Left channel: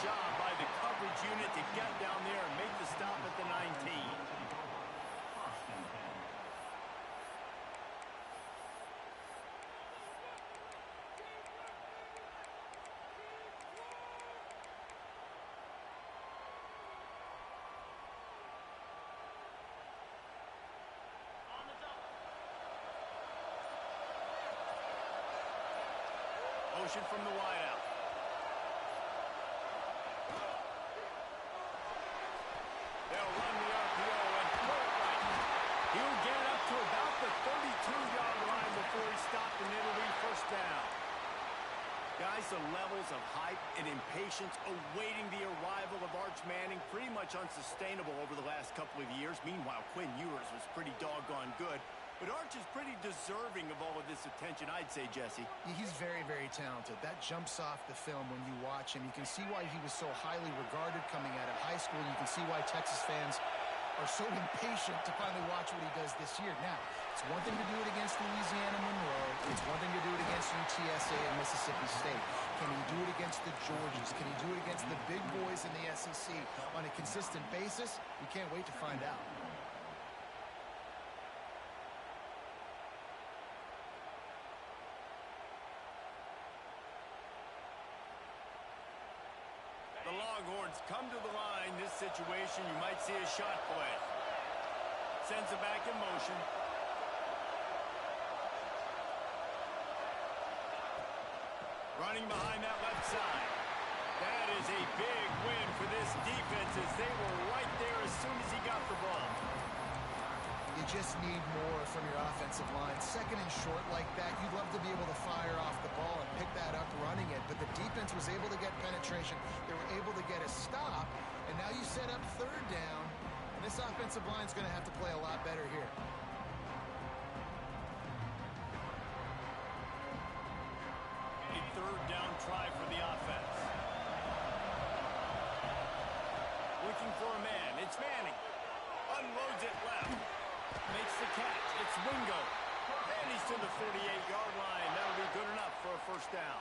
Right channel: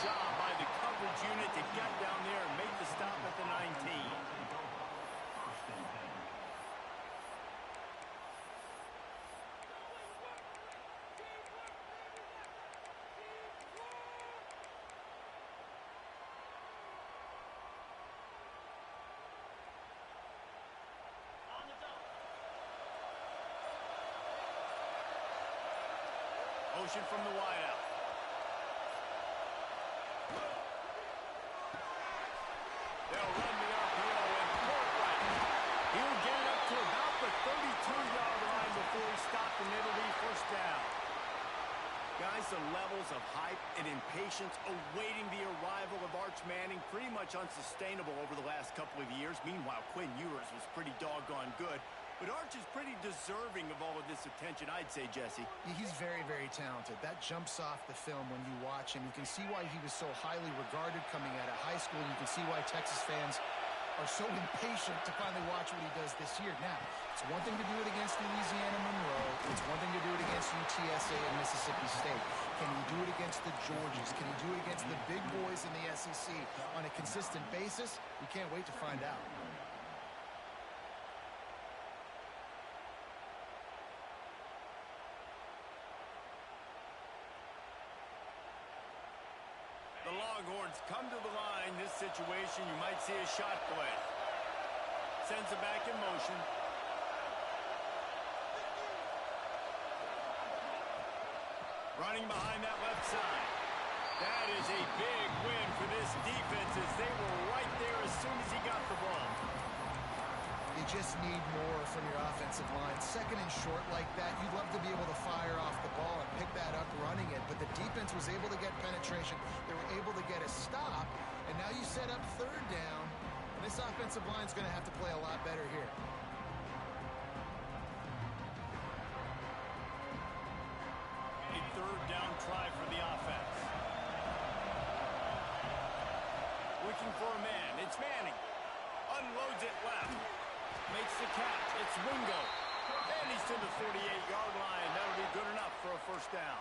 job by the coverage unit to get down there and make the stop at the 19. Motion from the wideout. They'll run the RPO and pull it right. He'll get it up to about the 32-yard line before he's stopped, and it'll be first down. Guys, the levels of hype and impatience awaiting the arrival of Arch Manning pretty much unsustainable over the last couple of years. Meanwhile, Quinn Ewers was pretty doggone good. But Arch is pretty deserving of all of this attention, I'd say, Jesse. He's very, very talented. That jumps off the film when you watch him. You can see why he was so highly regarded coming out of high school. You can see why Texas fans are so impatient to finally watch what he does this year. Now, it's one thing to do it against Louisiana Monroe. It's one thing to do it against UTSA and Mississippi State. Can he do it against the Georgias? Can he do it against the big boys in the SEC on a consistent basis? We can't wait to find out. The Longhorns come to the line. This situation, you might see a shot play. Sends it back in motion. Running behind that left side. That is a big win for this defense as they were right there as soon as he got the ball. You just need more from your offensive line. Second and short like that, you'd love to be able to fire off the ball and pick that up running it, but the defense was able to get penetration. They were able to get a stop, and now you set up third down, and this offensive line's going to have to play a lot better here. A third down try for the offense. Looking for a man. It's Manning. Unloads it left. Makes the catch. It's Wingo. And he's to the 48-yard line. That'll be good enough for a first down.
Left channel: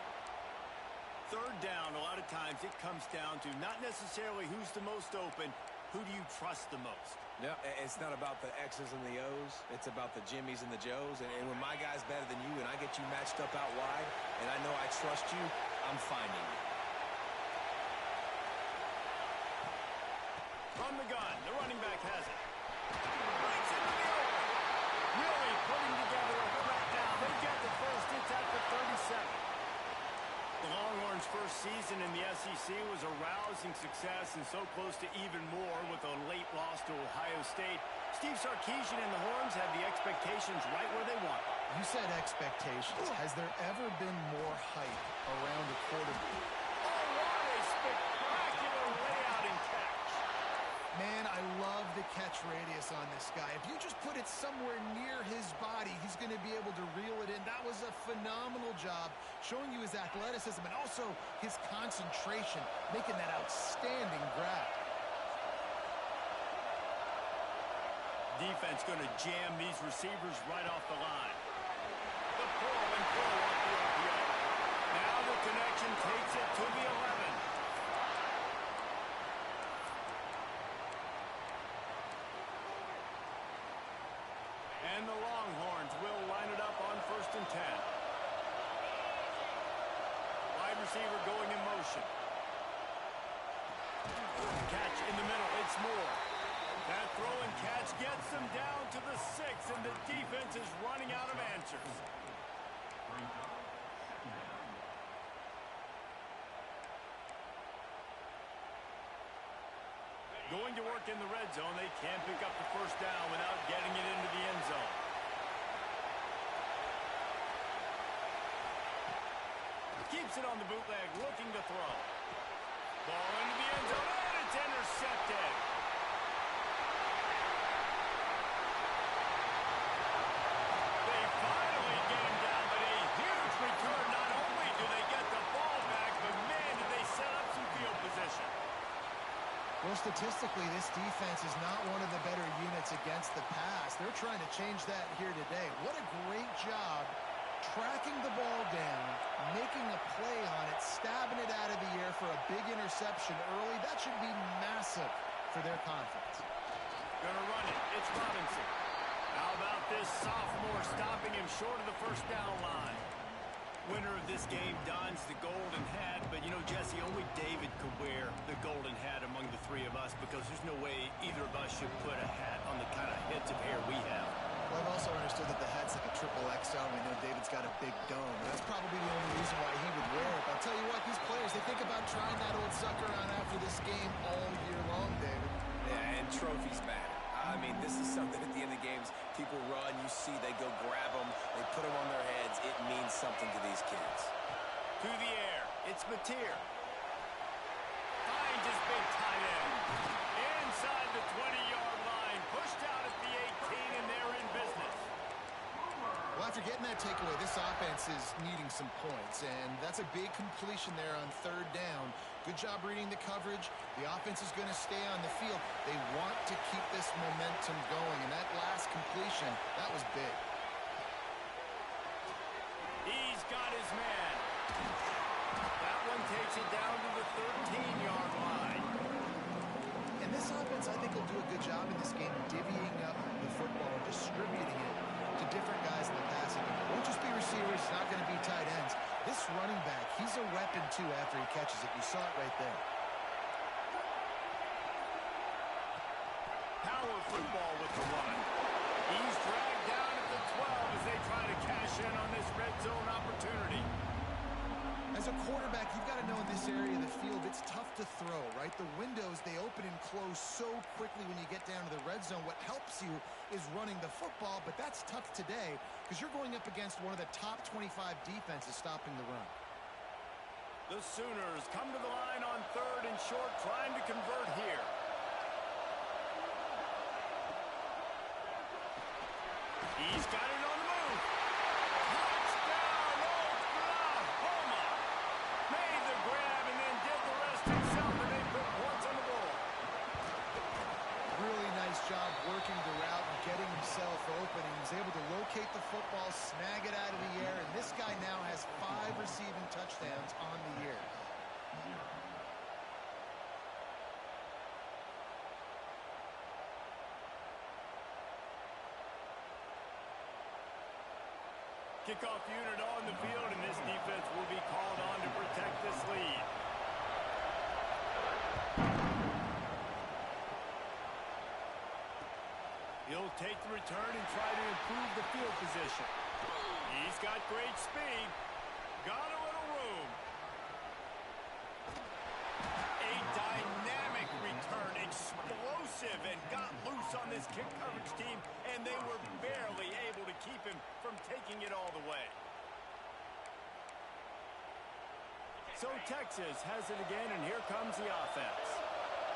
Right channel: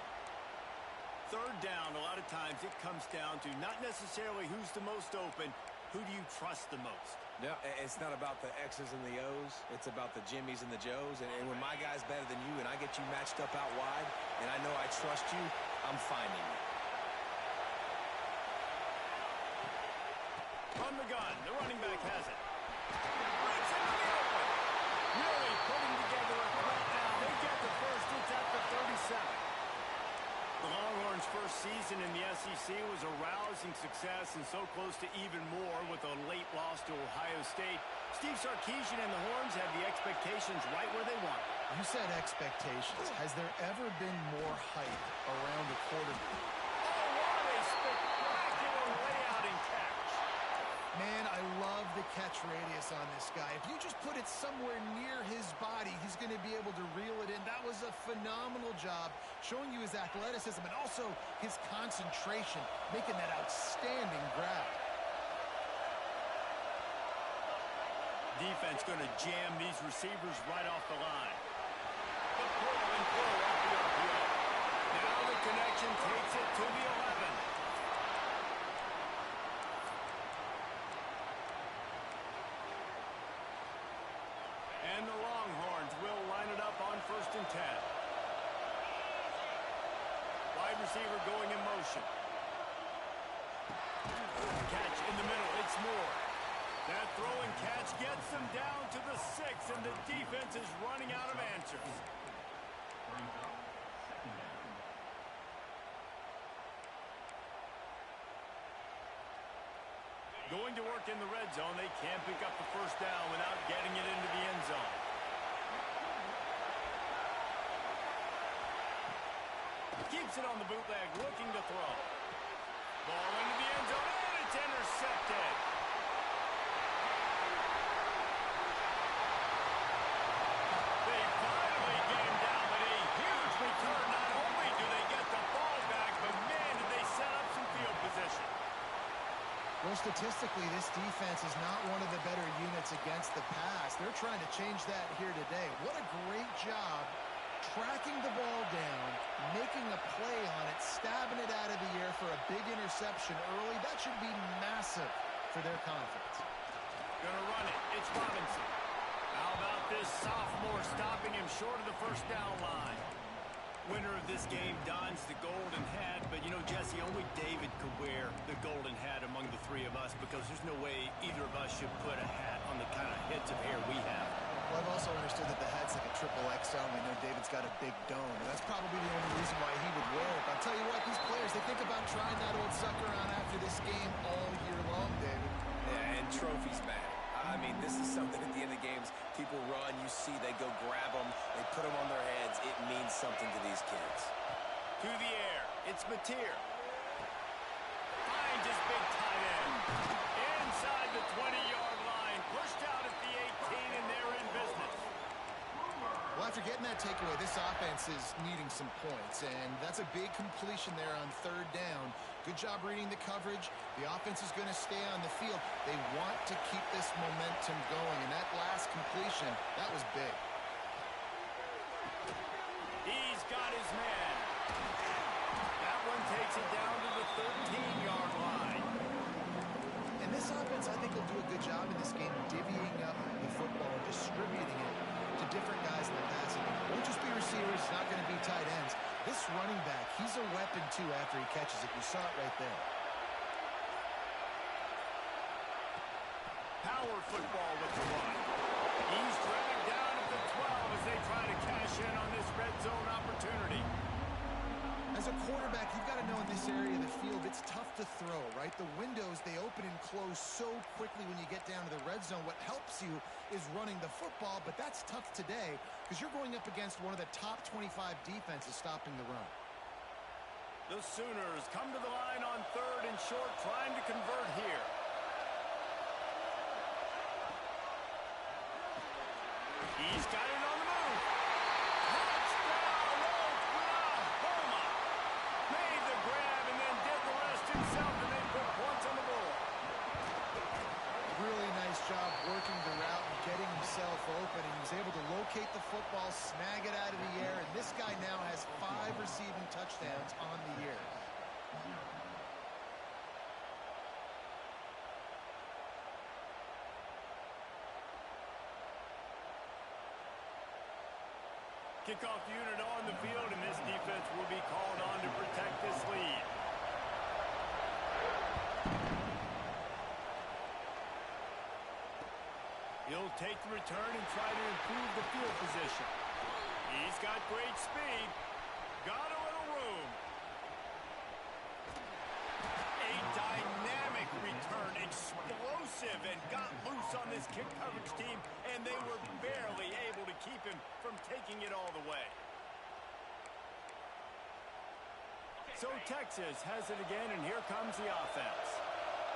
Third down, a lot of times it comes down to not necessarily who's the most open, who do you trust the most? Yeah, it's not about the X's and the O's. It's about the Jimmies and the Joes. And when my guy's better than you and I get you matched up out wide and I know I trust you, I'm finding you. From the gun, the running back has it. Breaks into the open. Really putting together a threat now. They get the first. It's at the 37. The Longhorns' first season in the SEC was a rousing success and so close to even more with a late loss to Ohio State. Steve Sarkisian and the Horns have the expectations right where they want them. You said expectations. Has there ever been more hype around a quarterback? Oh, what a spectacular layout and catch. Man, I love the catch radius on this guy. If you just put it somewhere near his body, he's going to be able to reel it in. That was a phenomenal job, showing you his athleticism and also his concentration, making that outstanding grab. Defense going to jam these receivers right off the line. The pull and throw off the RPO. Now the connection takes it to the 11. And the Longhorns will line it up on 1st and 10. Wide receiver going in motion. Catch in the middle. It's Moore. That throw and catch gets them down to the 6, and the defense is running out of answers. Going to work in the red zone. They can't pick up the first down without getting it into the end zone. Keeps it on the bootleg, looking to throw. Ball into the end zone, and it's intercepted. They finally get him down, but a huge return. Not only do they get the ball back, but man, did they set up some field position. Well, statistically, this defense is not one of the better units against the pass. They're trying to change that here today. What a great job tracking the ball down, making a play on it, stabbing it out of the air for a big interception early. That should be massive for their confidence. Gonna run it. It's Robinson. How about this sophomore stopping him short of the first down line? Winner of this game dons the golden hat, but you know, Jesse, only David could wear the golden hat among the three of us because there's no way either of us should put a hat on the kind of heads of hair we have. Well, I've also understood that the hat's like a triple XL, and I know David's got a big dome, and that's probably the only reason why he would wear it. But I'll tell you what, these players, they think about trying that old sucker on after this game all year long, David. Yeah, and trophies matter. I mean, this is something at the end of games. People run, you see, they go grab them, they put them on their heads. It means something to these kids. To the air, it's Mateer. Finds his big tight end. Inside the 20-yard line, pushed out at the 18, and they're in business. Well, after getting that takeaway, this offense is needing some points, and that's a big completion there on third down. Good job reading the coverage. The offense is going to stay on the field. They want to keep this momentum going, and that last completion, that was big. He's got his man. That one takes it down to the 13-yard line. And this offense, I think, will do a good job in this game divvying up the football and distributing it to different guys in the passing game. It won't just be receivers. It's not going to be tight ends. This running back, he's a weapon, too, after he catches it. You saw it right there. Power football with the run. He's dragged down at the 12 as they try to cash in on this red zone opportunity. As a quarterback, you've got to know in this area of the field, it's tough to throw, right? The windows, they open and close so quickly when you get down to the red zone. What helps you is running the football, but that's tough today because you're going up against one of the top 25 defenses stopping the run. The Sooners come to the line on third and short, trying to convert here. He's got it on the move. Touchdown, Oklahoma. Made the grab and then did the rest himself, and they put points on the board. Really nice job working the route and getting himself open. He was able to locate the football, snag it out of the air, and this guy now has 5 receiving touchdowns on the year. Kickoff unit on the field, and this defense will be called on to protect this lead. He'll take the return and try to improve the field position. He's got great speed. Got a little room. A dynamic return, explosive, and got loose on this kick coverage team, and they were barely able to keep him from taking it all the way. So Texas has it again, and here comes the offense.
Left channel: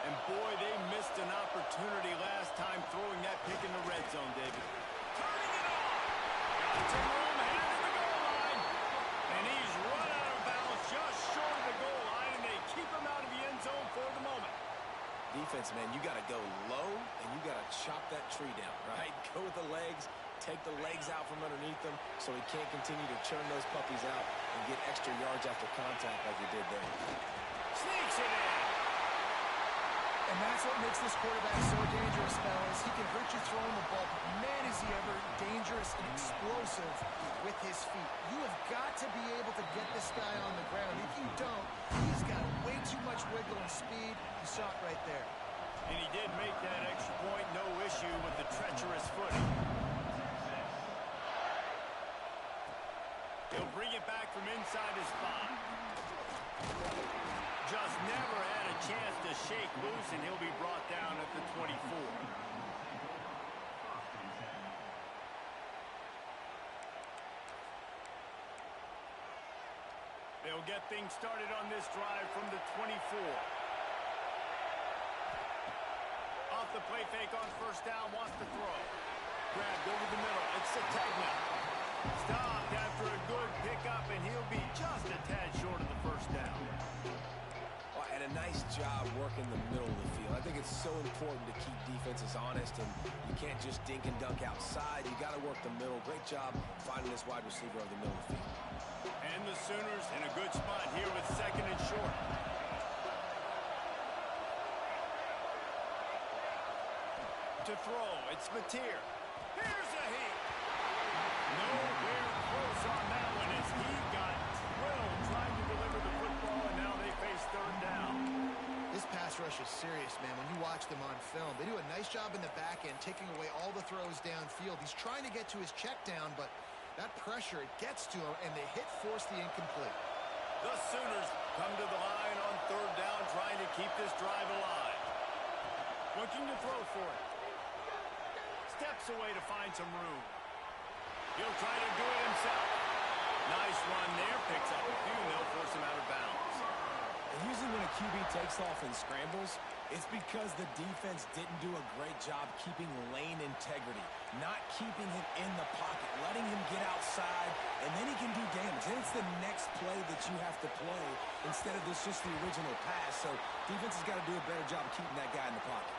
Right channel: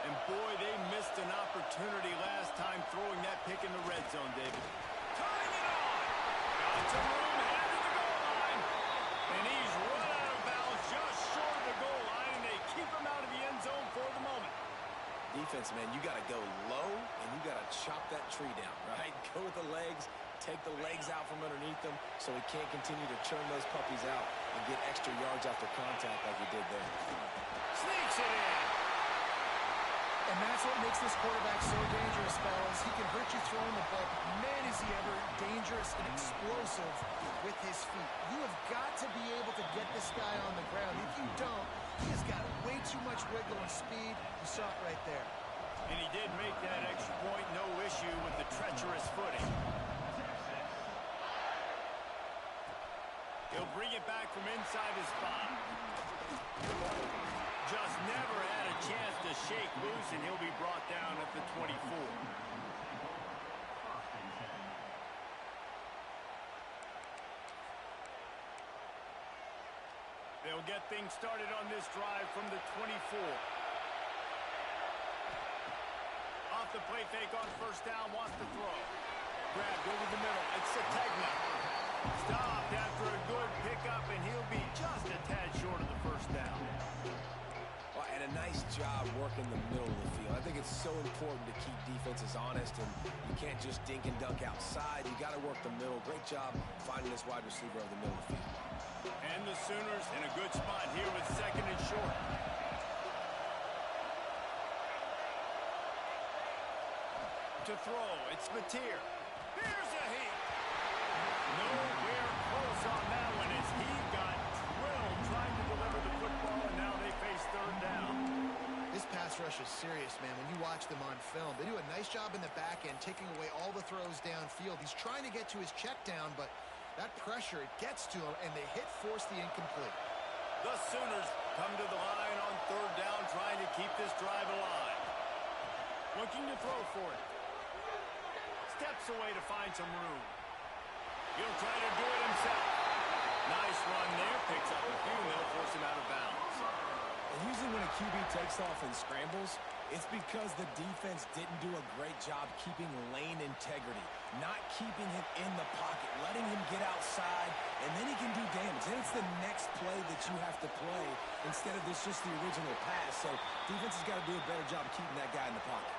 And boy, they missed an opportunity last time throwing that pick in the red zone, David. Turning it on. Got some room, headed to the goal line. And he's run out of bounds just short of the goal line, and they keep him out of the end zone for the moment. Defense, man, you got to go low, and you got to chop that tree down, right? Go with the legs, take the legs out from underneath them so he can't continue to churn those puppies out and get extra yards after contact like he did there. Sneaks it in. And that's what makes this quarterback so dangerous, fellas. He can hurt you throwing the ball, but man, is he ever dangerous and explosive with his feet. You have got to be able to get this guy on the ground. If you don't, he has got way too much wiggle and speed. You saw it right there. And he did make that extra point, no issue with the treacherous footing. He'll bring it back from inside his 5. Just never had a chance to shake loose, and he'll be brought down at the 24. They'll get things started on this drive from the 24. Off the play fake on first down, wants to throw. Grabbed over the middle. It's Sategna. Stopped after a good pickup, and he'll be just a tad short of the first down. and a nice job working the middle of the field. I think it's so important to keep defenses honest, and you can't just dink and dunk outside. You got to work the middle. Great job finding this wide receiver over the middle of the field. And the Sooners in a good spot here with 2nd and short. To throw, it's Mateer. Here's a heat. Nowhere close on that one as he got drilled trying to deliver the football, and now they face 3rd down. This pass rush is serious, man. When you watch them on film, they do a nice job in the back end, taking away all the throws downfield. He's trying to get to his check down, but that pressure, it gets to him, and they force the incomplete. The Sooners come to the line on 3rd down, trying to keep this drive alive. Looking to throw for it. Steps away to find some room. He'll try to do it himself. Nice run there. Picks up a few, and they'll force him out of bounds. And usually when a QB takes off and scrambles, it's because the defense didn't do a great job keeping lane integrity, not keeping him in the pocket, letting him get outside, and then he can do damage. Then it's the next play that you have to play instead of just the original pass. So defense has got to do a better job of keeping that guy in the pocket.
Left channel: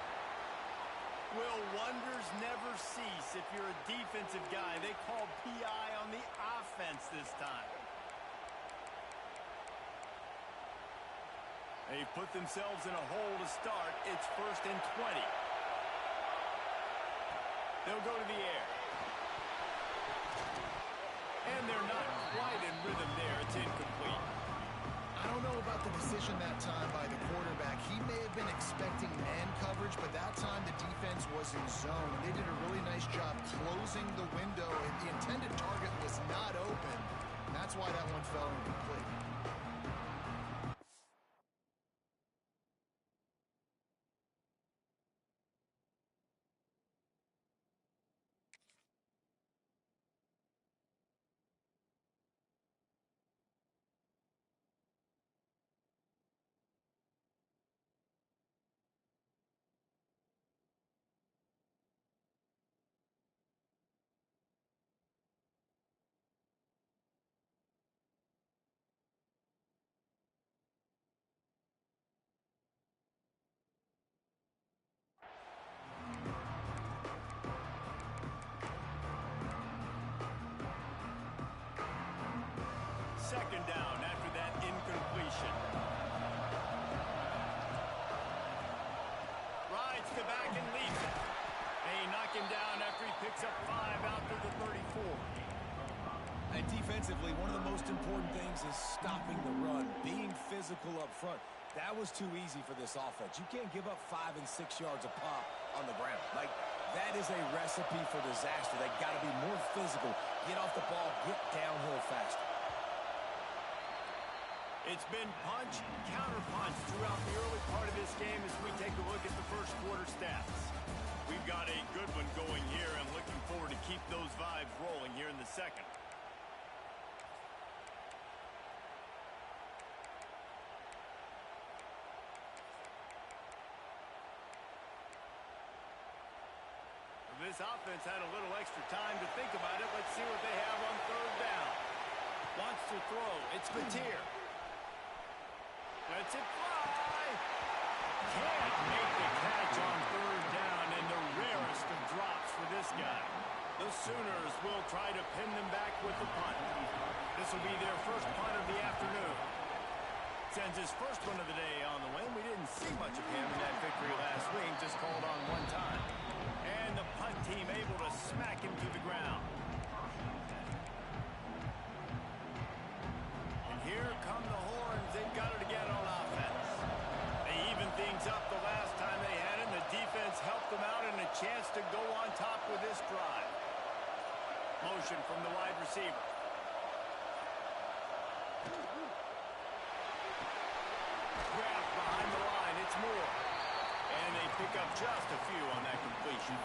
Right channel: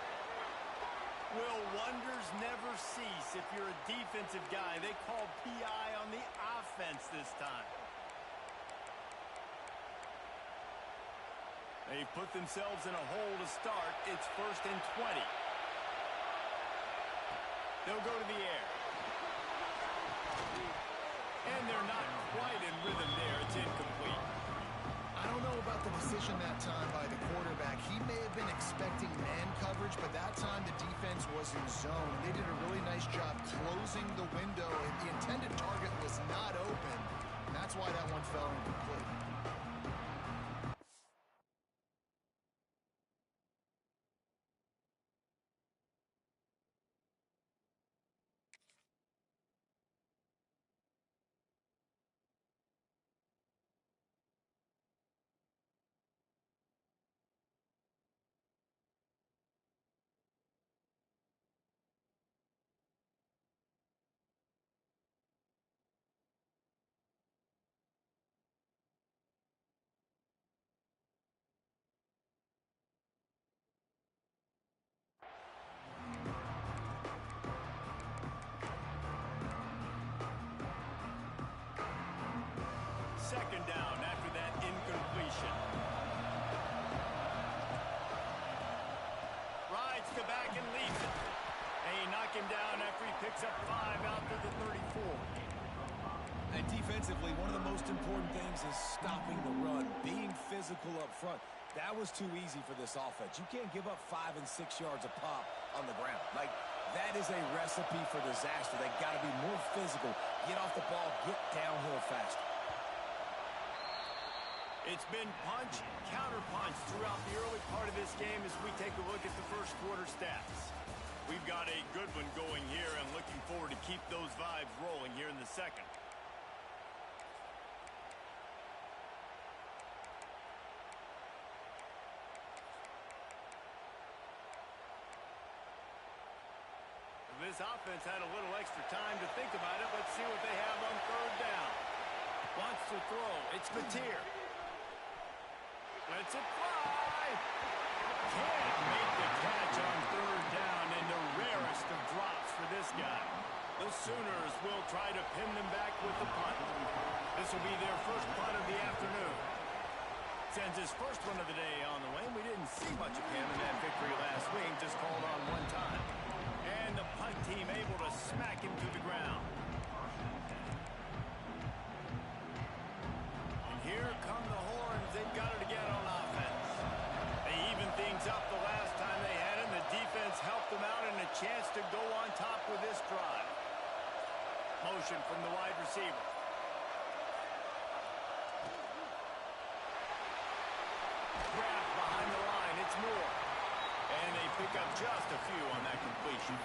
Will wonders never cease if you're a defensive guy? They called PI on the offense this time. They've put themselves in a hole to start. It's 1st and 20. They'll go to the air. And they're not quite in rhythm there. It's incomplete. I don't know about the decision that time by the quarterback. He may have been expecting man coverage, but that time the defense was in zone. They did a really nice job closing the window, and the intended target was not open. And that's why that one fell incomplete. Second down after that incompletion. Rides the back and leaves it. They knock him down after he picks up 5 out to the 34. And defensively, one of the most important things is stopping the run, being physical up front. That was too easy for this offense. You can't give up 5 and 6 yards a pop on the ground. Like, that is a recipe for disaster. They got to be more physical, get off the ball, get downhill faster. It's been punch, counter-punch throughout the early part of this game as we take a look at the first quarter stats. We've got a good one going here and looking forward to keep those vibes rolling here in the second. This offense had a little extra time to think about it. Let's see what they have on 3rd down. Wants to throw. It's Mateer. Lets it fly. Can't make the catch on 3rd down, and the rarest of drops for this guy. The Sooners will try to pin them back with the punt. This will be their first punt of the afternoon. Sends his first one of the day on the way. We didn't see much of him in that victory last week, just called on one time. And the punt team able to smack him to the ground. And here come the horns. They've got it again on offense. They evened things up the last time they had it, and the defense helped them out and a chance to go on top with this drive. Motion from the wide receiver. Grabbed behind the line. It's Moore. And they pick up just a few on that completion.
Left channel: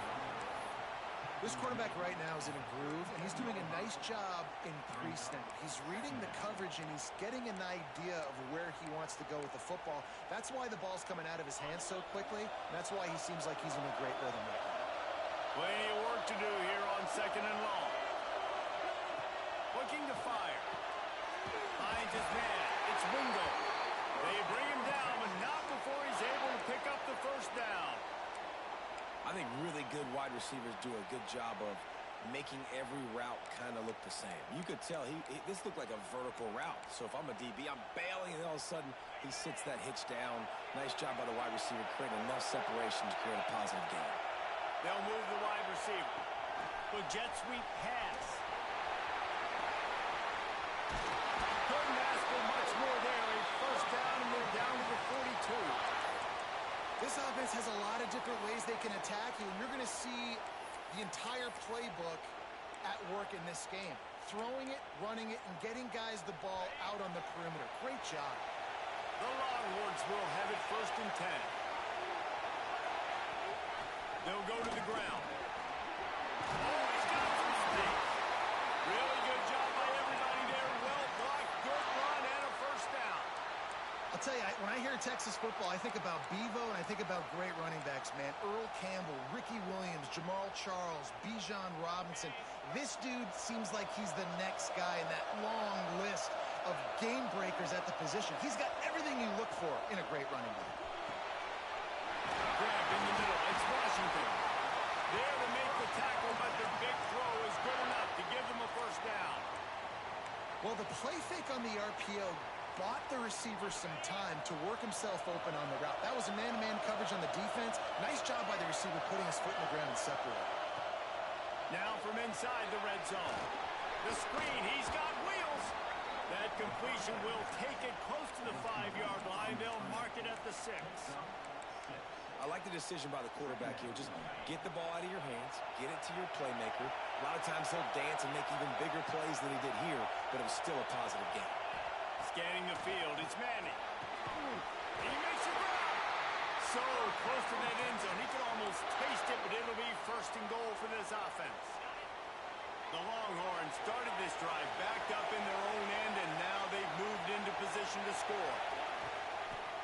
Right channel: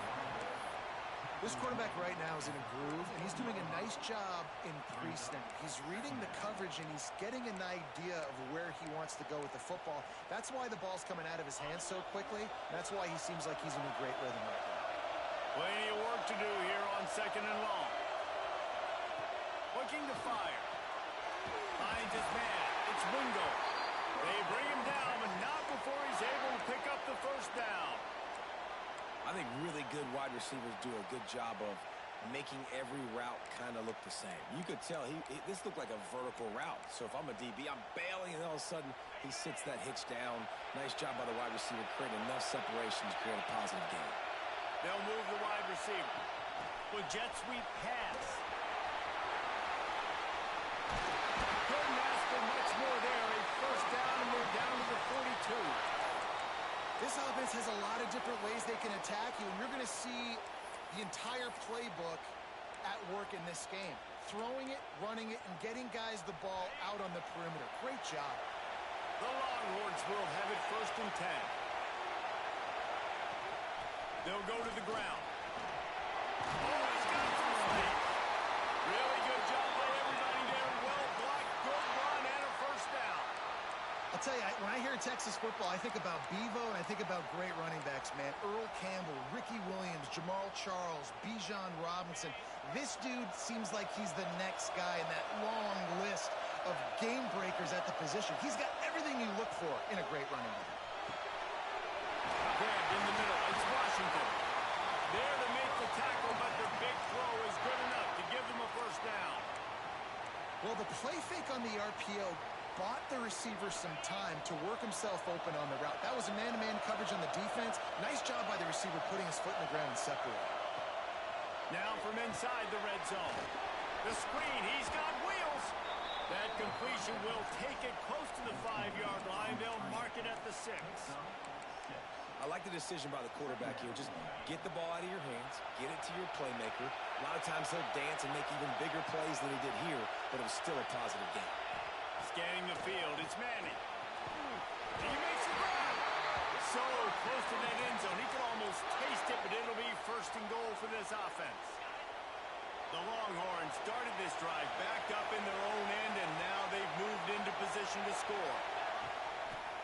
This quarterback right now is in a groove, and he's doing a nice job in pre-snap. He's reading the coverage, and he's getting an idea of where he wants to go with the football. That's why the ball's coming out of his hands so quickly, and that's why he seems like he's in a great rhythm right now. Plenty of work to do here on 2nd and long. Looking to fire. Finds his man. It's Wingo. They bring him down, but not before he's able to pick up the first down. I think really good wide receivers do a good job of making every route kind of look the same. You could tell this looked like a vertical route. So if I'm a DB, I'm bailing, and all of a sudden he sits that hitch down. Nice job by the wide receiver, creating enough separation to create a positive gain. They'll move the wide receiver. With jet sweep pass. Couldn't ask for much more there. A first down, and they're down to the 42. This offense has a lot of different ways they can attack you, and you're going to see the entire playbook at work in this game. Throwing it, running it, and getting guys the ball out on the perimeter. Great job. The Longhorns will have it first and 10. They'll go to the ground. Oh, he's got some space. Really good job by everybody there. Well blocked, good run, and a first down. I'll tell you, when I hear Texas football, I think about Bevo, and I think about great running backs, man. Earl Campbell, Ricky Williams, Jamal Charles, Bijan Robinson. This dude seems like he's the next guy in that long list of game breakers at the position. He's got everything you look for in a great running back. Grabbed in the middle. It's Washington. There to make the tackle, but the big throw is good enough to give them a first down. Well, the play fake on the RPO bought the receiver some time to work himself open on the route. That was a man-to-man coverage on the defense. Nice job by the receiver putting his foot in the ground and separating. Now from inside the red zone. The screen, he's got wheels. That completion will take it close to the 5-yard line. They'll mark it at the 6. I like the decision by the quarterback here. Just get the ball out of your hands, get it to your playmaker. A lot of times he'll dance and make even bigger plays than he did here, but it was still a positive game. Scanning the field, it's Manning. He makes a grab. So close to that end zone. He can almost taste it, but it'll be first and goal for this offense. The Longhorns started this drive backed up in their own end, and now they've moved into position to score.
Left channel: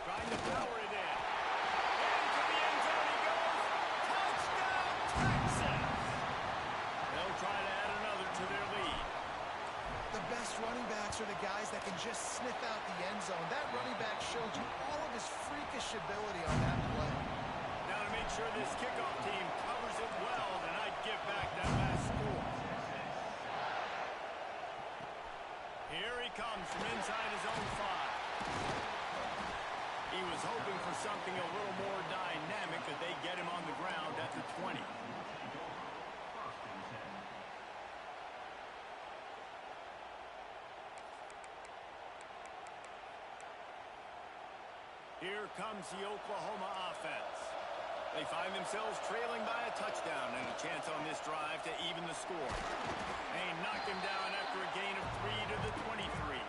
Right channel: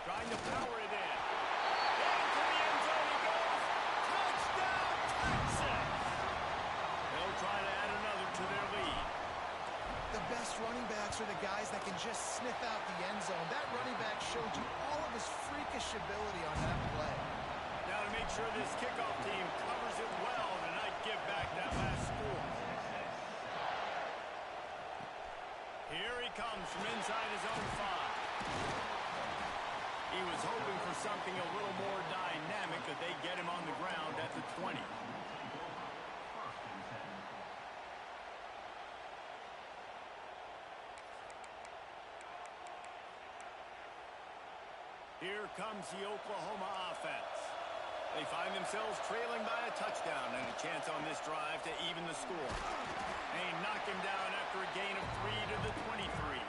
Trying to power it in. Into the end zone he goes. Touchdown, Texas! They'll try to add another to their lead. The best running backs are the guys that can just sniff out the end zone. That running back showed you all of his freakish ability on that play. Now to make sure this kickoff team covers it well to not give back that last score. Here he comes from inside his own 5. He was hoping for something a little more dynamic, that they get him on the ground at the 20. Here comes the Oklahoma offense. They find themselves trailing by a touchdown and a chance on this drive to even the score. They knock him down after a gain of 3 to the 23.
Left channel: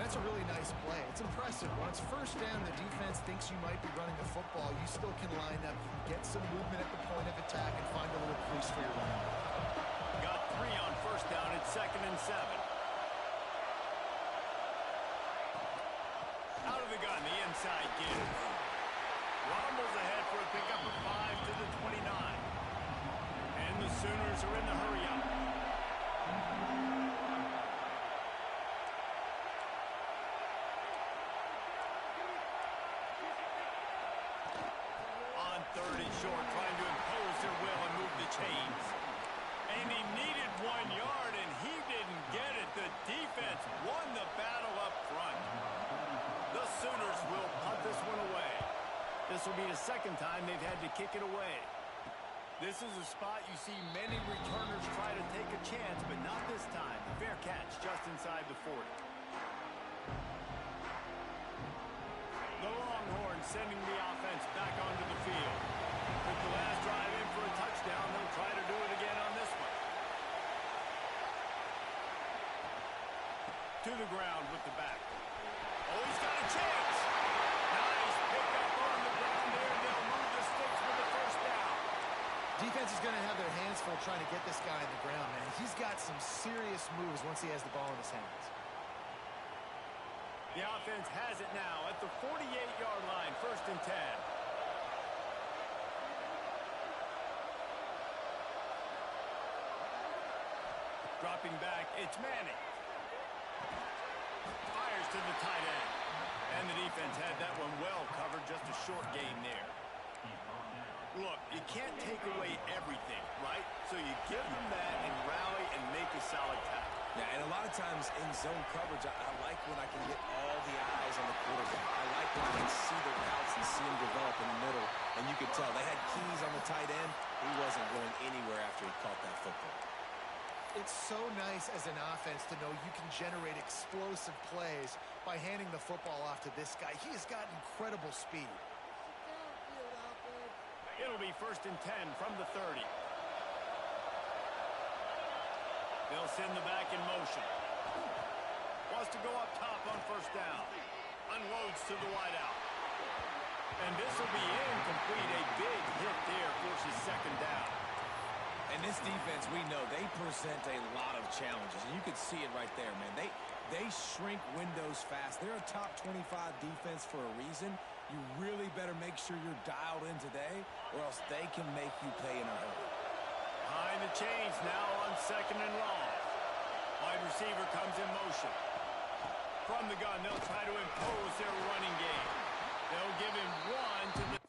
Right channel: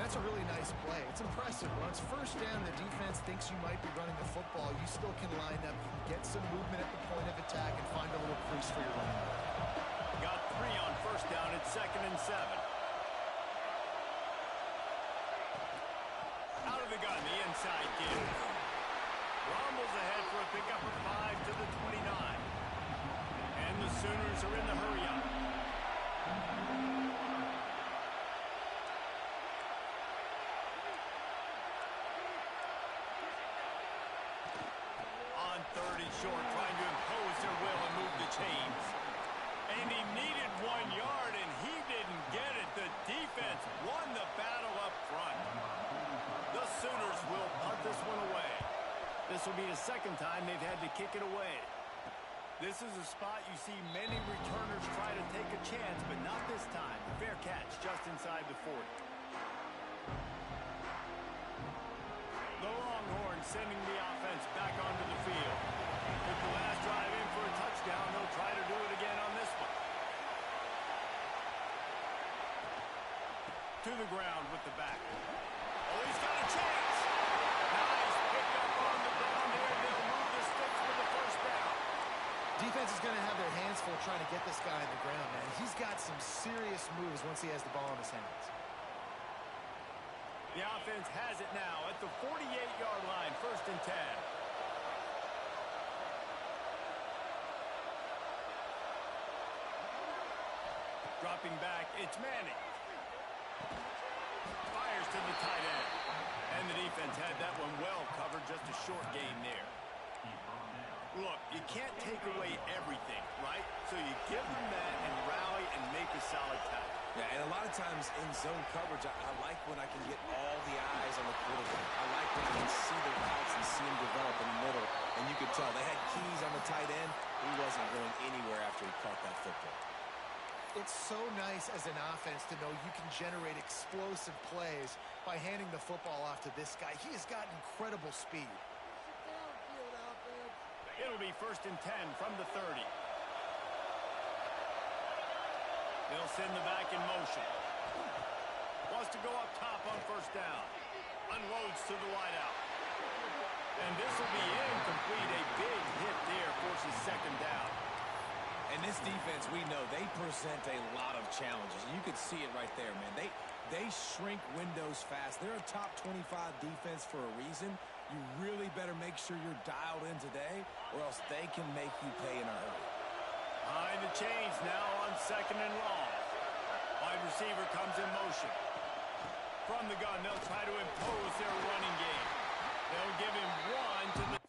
That's a really nice play. It's impressive. When it's first down, the defense thinks you might be running the football. You still can line up, you can get some movement at the point of attack, and find a little crease for your running back. Got 3 on first down at 2nd and 7. Out of the gun, the inside give. Rumbles ahead for a pickup of 5 to the 29. And the Sooners are in the hurry-up. On 3rd and short, trying to impose their will and move the chains. And he needed 1 yard, and he didn't get it. The defense won the battle up front. The Sooners will punt this one away. This will be the 2nd time they've had to kick it away. This is a spot you see many returners try to take a chance, but not this time. Fair catch just inside the 40. The Longhorns sending the offense back onto the field. With the last drive in for a touchdown, they'll try to do it again on this one. To the ground with the back. Oh, he's got a chance. Nice pickup on the ground there. They'll move the sticks for the first down. Defense is going to have their hands full trying to get this guy on the ground, man. He's got some serious moves once he has the ball in his hands. The offense has it now at the 48-yard line, 1st and 10. Dropping back, it's Manning. Fires fires to the tight end. And the defense had that one well covered, just a short gain there. Look, you can't take away everything, right? So you give them that and rally and make a solid tackle. Yeah, and a lot of times in zone coverage, I like when I can get all the eyes on the quarterback. I like when I can see the routes and see him develop in the middle. And you could tell they had keys on the tight end. He wasn't going anywhere after he caught that football. It's so nice as an offense to know you can generate explosive plays by handing the football off to this guy. He has got incredible speed. It'll be 1st and 10 from the 30. They'll send the back in motion. Wants to go up top on 1st down. Unloads to the wideout. And this will be incomplete. A big hit there forces 2nd down. And this defense, we know, they present a lot of challenges. And you could see it right there, man. They shrink windows fast. They're a top 25 defense for a reason. You really better make sure you're dialed in today, or else they can make you pay in a hurry. Behind the chains now on 2nd and long. Wide receiver comes in motion. From the gun, they'll try to impose their running game. They'll give him one to the...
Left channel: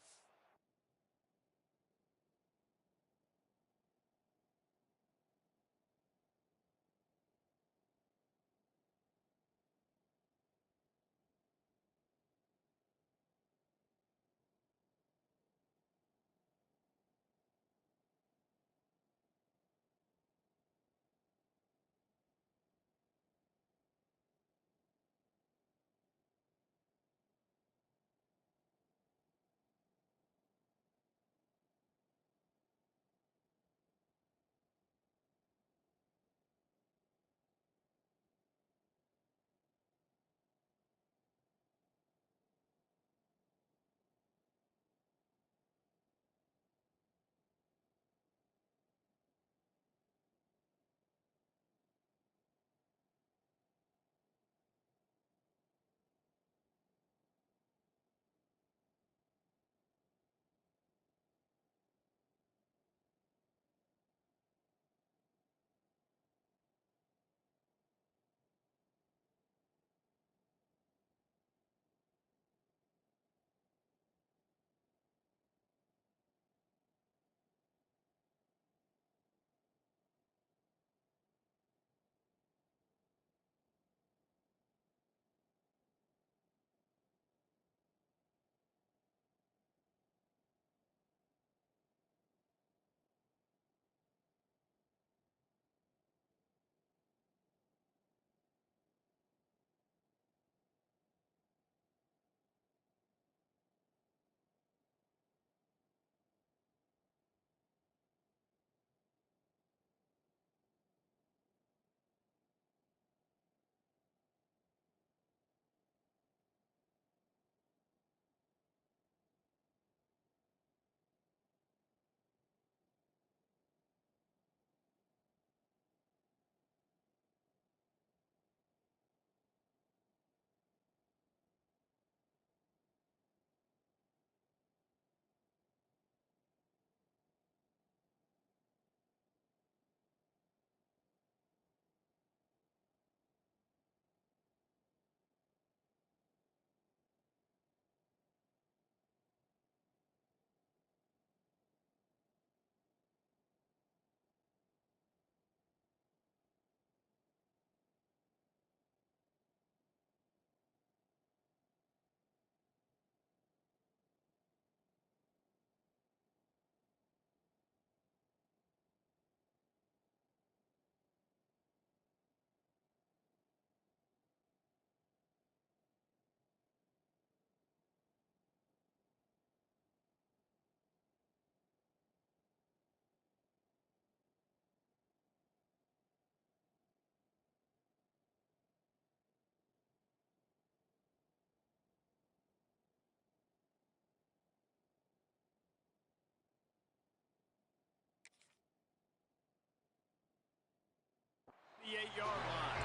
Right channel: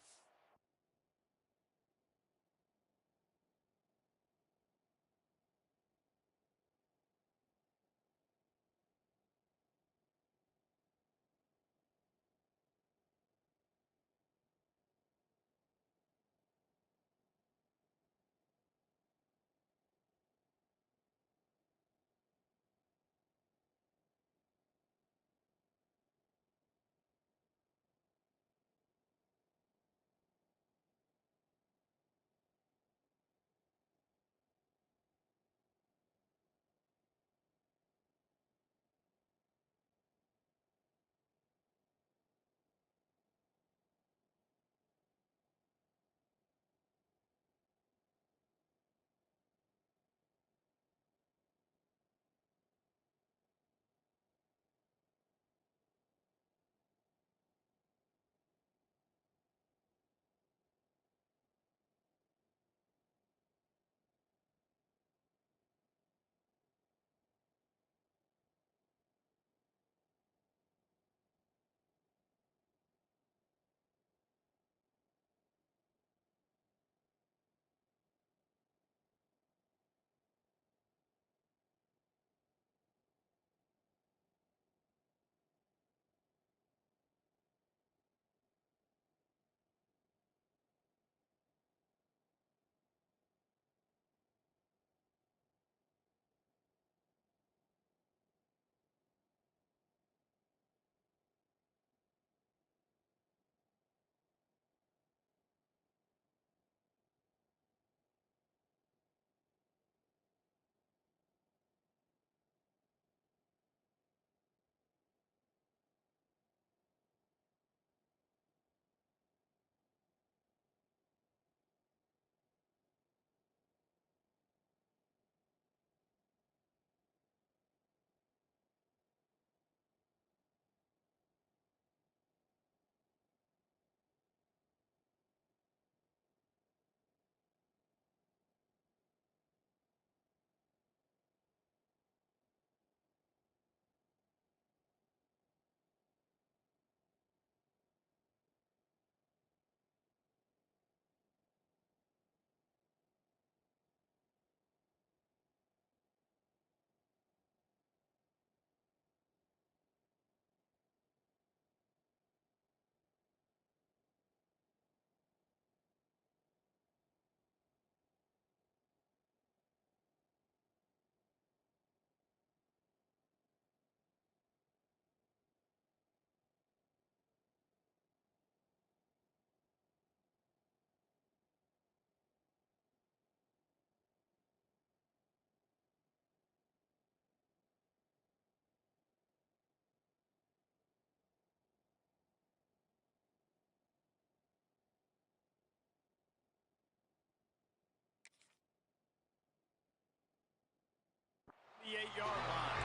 The 8-yard line.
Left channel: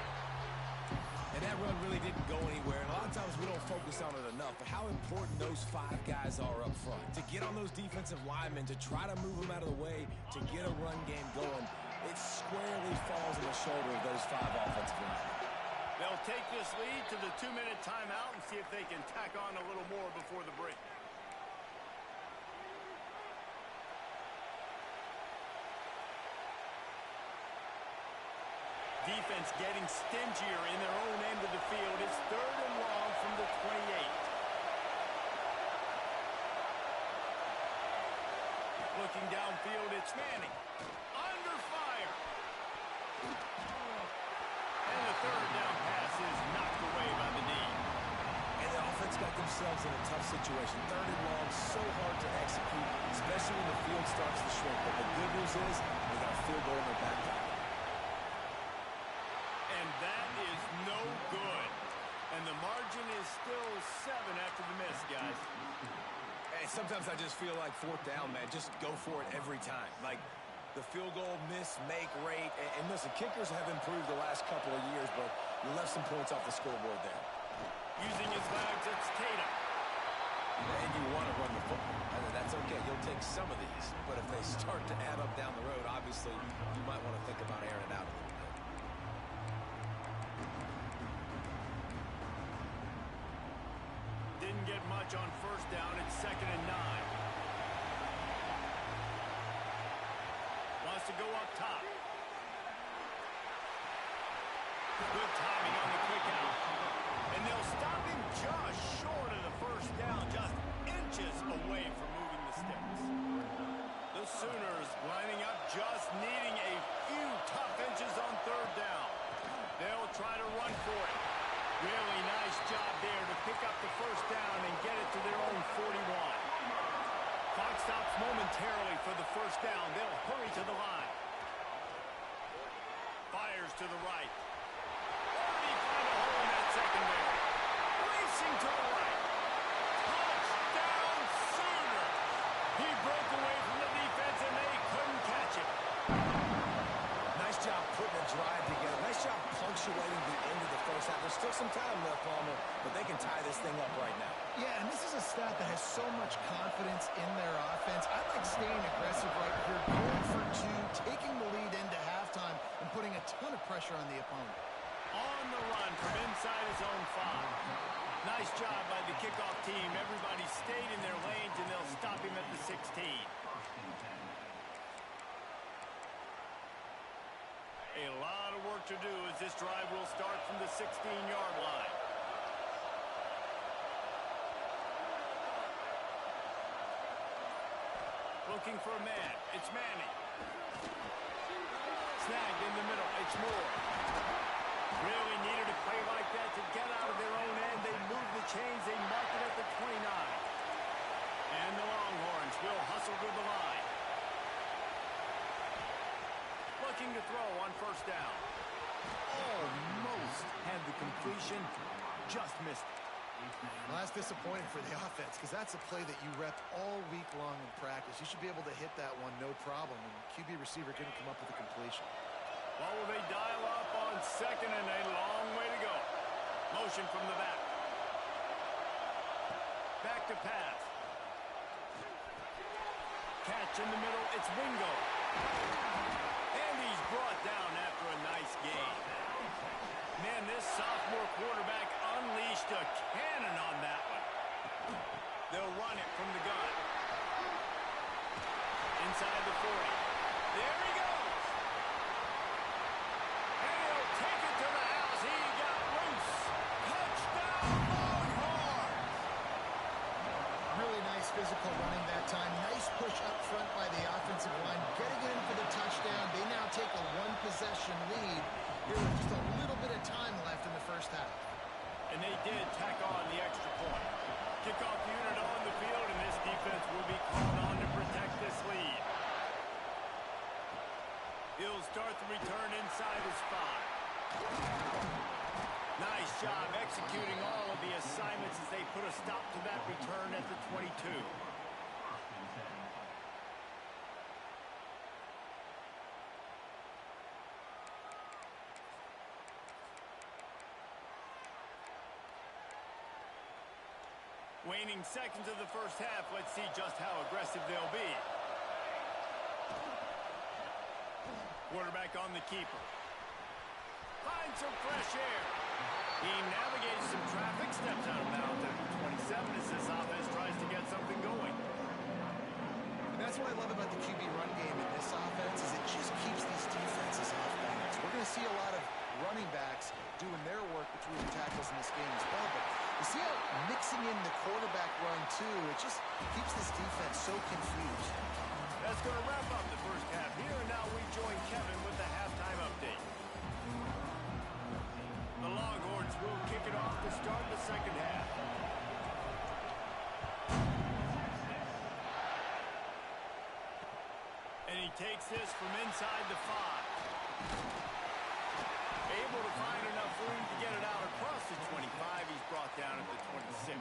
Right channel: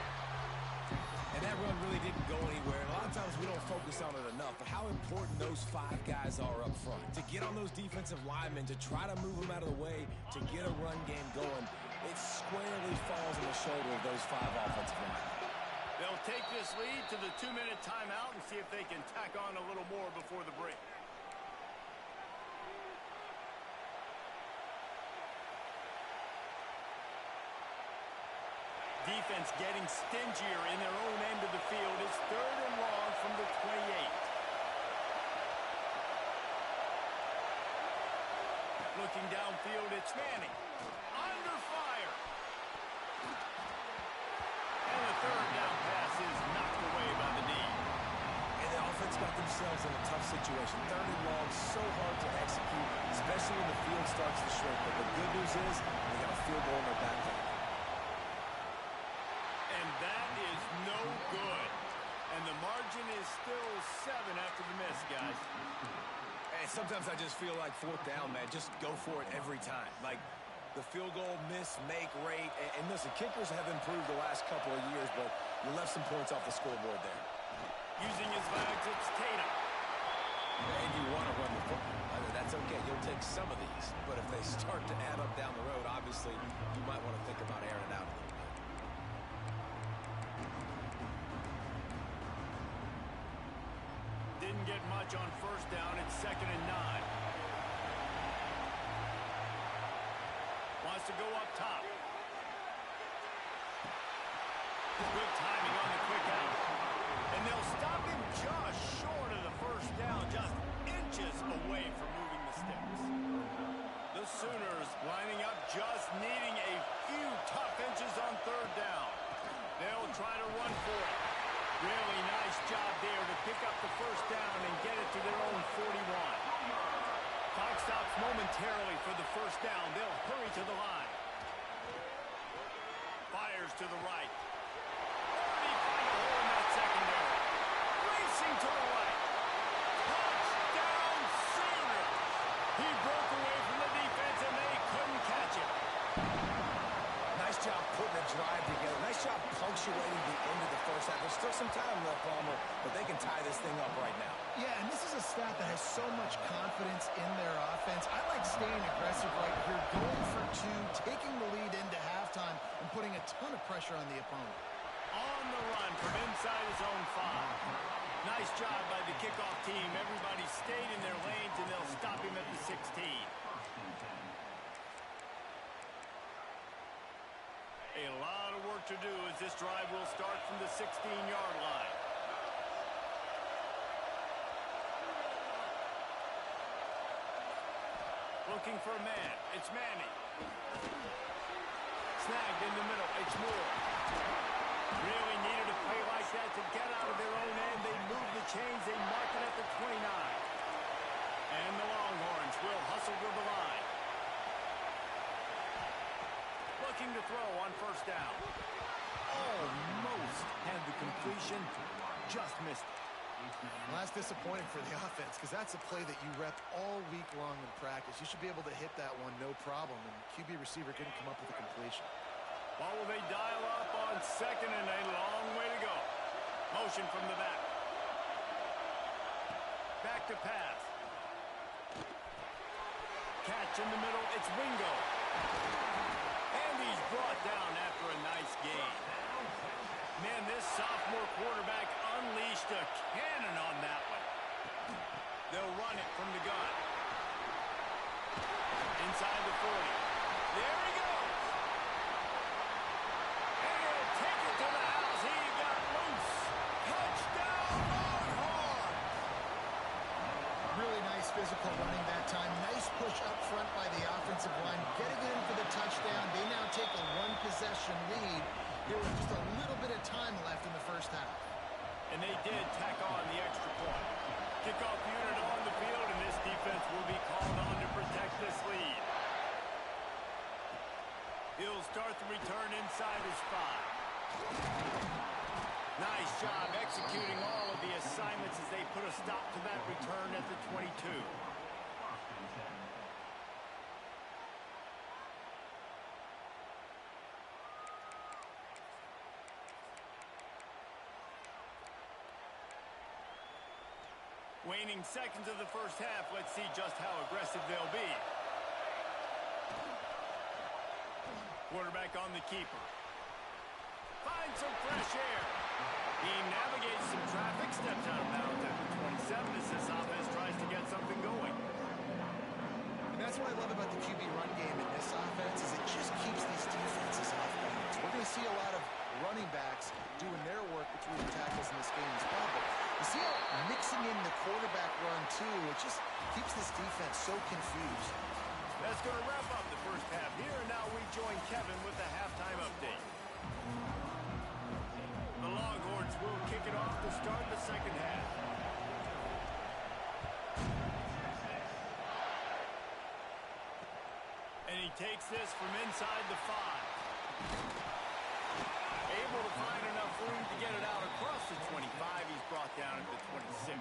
And that run really didn't go anywhere. And a lot of times we don't focus on it enough, but how important those 5 guys are up front. To get on those defensive linemen, to try to move them out of the way, to get a run game going, it squarely falls on the shoulder of those 5 offensive linemen. They'll take this lead to the 2-minute timeout and see if they can tack on a little more before the break. Defense getting stingier in their own end of the field. It's 3rd and long from the 28. Looking downfield, it's Manning. Under fire. And the 3rd down pass is knocked away by the D. And the offense got themselves in a tough situation. 3rd and long, so hard to execute, especially when the field starts to shrink. But the good news is they got a field goal in their back pocket. And that is no good. And the margin is still 7 after the miss, guys. Hey, sometimes I just feel like 4th down, man. Just go for it every time. Like the field goal miss-make rate. And listen, kickers have improved the last couple of years, but you left some points off the scoreboard there. Using his legs, it's Tatum. And you want to run the football. That's okay. You'll take some of these. But if they start to add up down the road, obviously, you might want to think about airing it out a little bit. Didn't get much on 1st down. It's 2nd and 9. Wants to go up top. Good timing on the quick out. And they'll stop him just short of the 1st down, just inches away from moving the sticks. The Sooners lining up, just needing a few tough inches on 3rd down. They'll try to run for it. Really nice job there to pick up the 1st down and get it to their own 41. Clock stops momentarily for the 1st down. They'll hurry to the line. Fires to the right. Already find a hole in that secondary. Racing to the right. Touchdown Sooners! He broke away from the defense and they couldn't catch him. Nice job putting a drive together. Nice job punctuating the end of the 1st half. There's still some time left, Palmer, but they can tie this thing up right now. Yeah, and this is a staff that has so much confidence in their offense. I like staying aggressive right here, going for 2, taking the lead into halftime, and putting a ton of pressure on the opponent. On the run from inside his own 5. Nice job by the kickoff team. Everybody stayed in their lanes, and they'll stop him at the 16. A lot of work to do as this drive will start from the 16-yard line. Looking for a man. It's Manning. Snagged in the middle. It's Moore. Really needed a play like that to get out of their own end. They move the chains. They mark it at the 29. And the Longhorns will hustle to the line. Looking to throw on 1st down. Almost had the completion. Just missed it. Well, that's disappointing for the offense because that's a play that you rep all week long in practice. You should be able to hit that one no problem, and QB receiver couldn't come up with a completion. What will they dial up on 2nd and a long way to go? Motion from the back. Back to pass. Catch in the middle. It's Wingo. And he's brought down after a nice gain. Man, this sophomore quarterback unleashed a cannon on that one. They'll run it from the gun. Inside the 40. There he goes. And he'll take it to the house. He got loose. Touchdown, Longhorns! Really nice physical running that time. Nice push up front by the offensive line. Getting it in for the touchdown. They now take a 1-possession lead here with just a little bit of time left in the 1st half. And they did tack on the extra point. Kickoff unit on the field, and this defense will be called on to protect this lead. He'll start the return inside his 5. Nice job executing all of the assignments as they put a stop to that return at the 22. Waning seconds of the 1st half. Let's see just how aggressive they'll be. Quarterback on the keeper. Finds some fresh air. He navigates some traffic, steps out of bounds at the 27 as this offense tries to get something going. And that's what I love about the QB run game in this offense is it just keeps these defenses off balance. We're going to see a lot of running backs doing their work between the tackles in this game as well. But you see how mixing in the quarterback run, too, it just keeps this defense so confused. That's going to wrap up the first half here, and now we join Kevin with the halftime update. The Longhorns will kick it off to start the second half. And he takes this from inside the 5. Able to find enough room to get it out across the 25. He's brought down at the 26.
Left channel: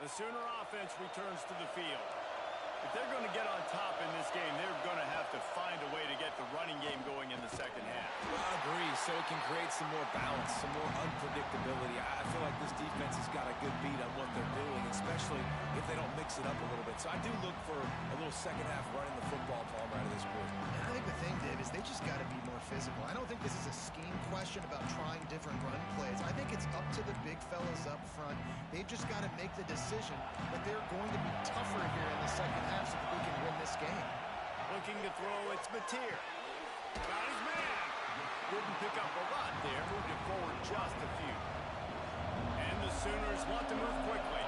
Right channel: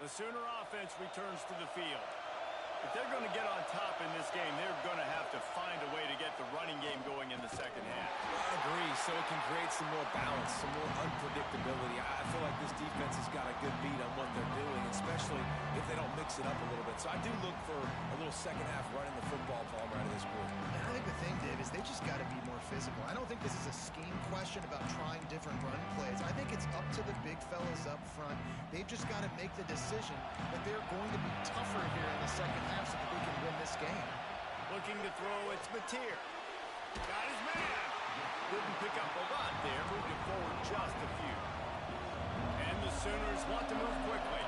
The Sooner offense returns to the field. If they're going to get on top in this game, they're going to have to find a way to get the running game going in the second half. I agree, so it can create some more balance, some more unpredictability. I feel like this defense has got a good beat on what they're doing, especially if they don't mix it up a little bit. So I do look for a little second half running the football Palmer out of this group. And I think the thing, Dave, is they just got to be more physical. I don't think this is a scheme question about trying different run plays. I think it's up to the big fellas up front. They've just got to make the decision that they're going to be tougher here in the second half so that they can win this game. Looking to throw, it's Mateer. Got his man. Didn't pick up a lot there. Moved it forward just a few. And the Sooners want to move quickly.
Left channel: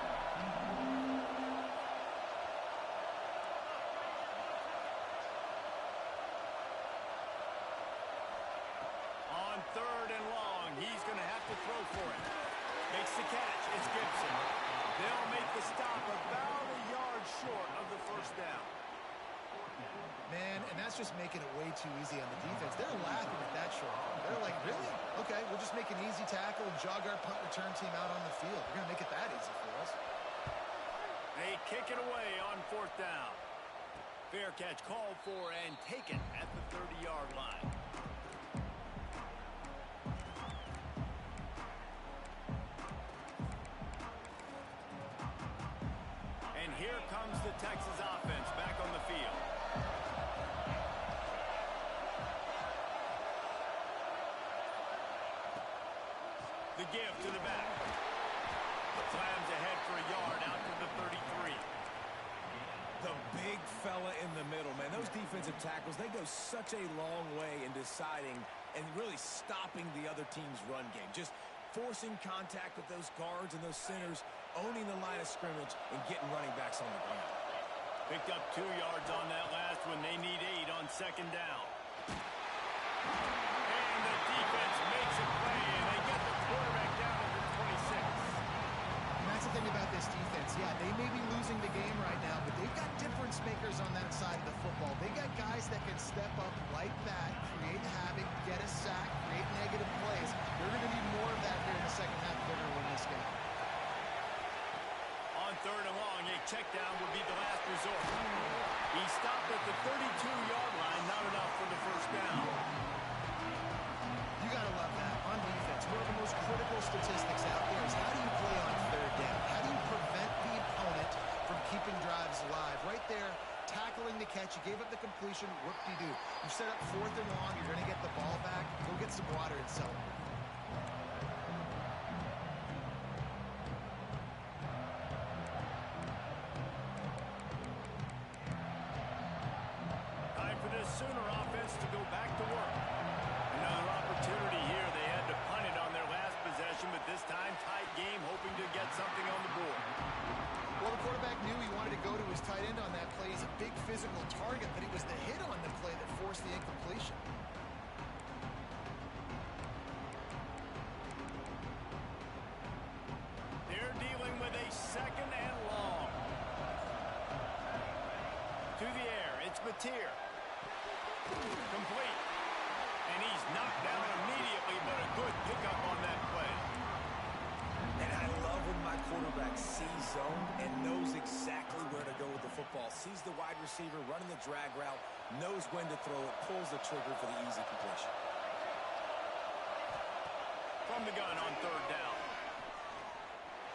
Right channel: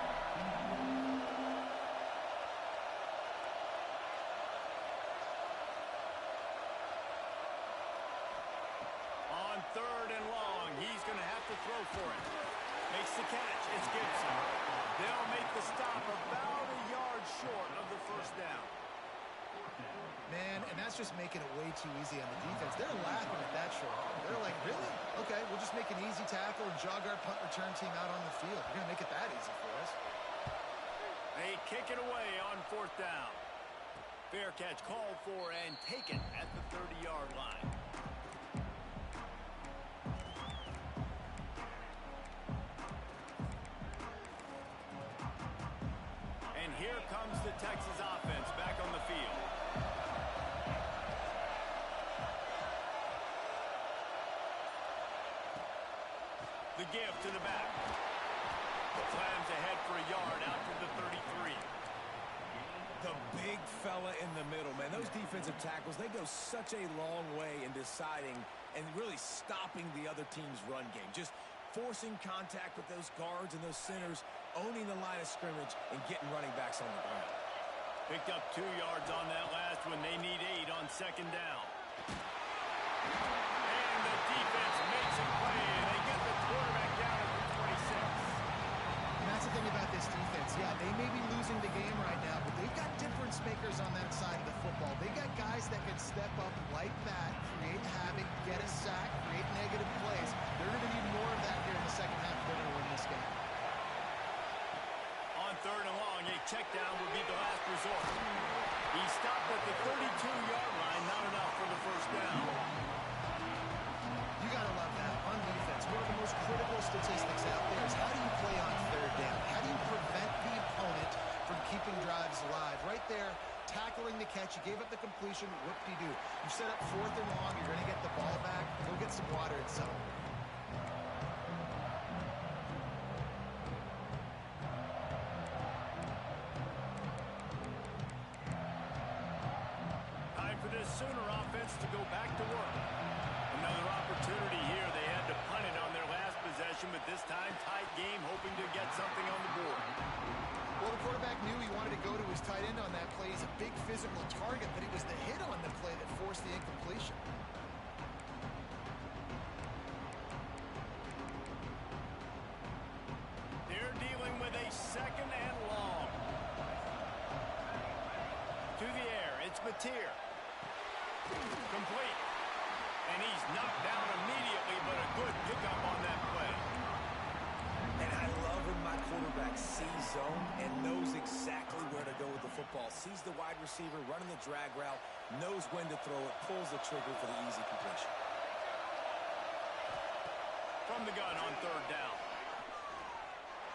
On third and long, he's going to have to throw for it. Makes the catch. It's Gibson. They'll make the stop about a yard short of the first down. Man, and that's just making it way too easy on the defense. They're laughing at that short. They're like, really? Okay, we'll just make an easy tackle and jog our punt return team out on the field. We're going to make it that easy for us. They kick it away on fourth down. Fair catch called for and taken at the 30-yard line. And here comes the Texas offense back on the field. The give to the back. Slams ahead for a yard out to the 33. The big fella in the middle, man. Those defensive tackles, they go such a long way in deciding and really stopping the other team's run game. Just forcing contact with those guards and those centers, owning the line of scrimmage, and getting running backs on the ground. Picked up 2 yards on that last one. They need 8 on second down. And the defense makes a play, and they get the quarterback down at the 26. And that's the thing about this defense. Yeah, they may be losing the game right now, but they've got difference makers on that side of the football. They got guys that can step up like that, create havoc, get a sack, create negative plays. They're going to need more of that here in the second half if they're going to win this game. On third and long, a check down would be the last resort. He stopped at the 32-yard line, not enough for the first down. You got to love that. On defense, one of the most critical statistics out there is how do you play on third down? How do you prevent the opponent from keeping drives alive? Right there, tackling the catch. You gave up the completion. Whoop-de-doo. You set up fourth and long. You're going to get the ball back. Go get some water and celebrate. Time for this Sooner offense to go back to work. Another opportunity here. They had to punt it on their last possession, but this time tight game, hoping to get something on the board. Well, the quarterback knew he wanted to go to his tight end on that play. He's a big physical target, but it was the hit on the play that forced the incompletion. They're dealing with a second and long. To the air, it's Mateer. Complete. And he's knocked down immediately, but a good pickup on that play. And I love when my quarterback sees zone and knows exactly where to go with the football. Sees the wide receiver running the drag route, knows when to throw it, pulls the trigger for the easy completion. From the gun on third down.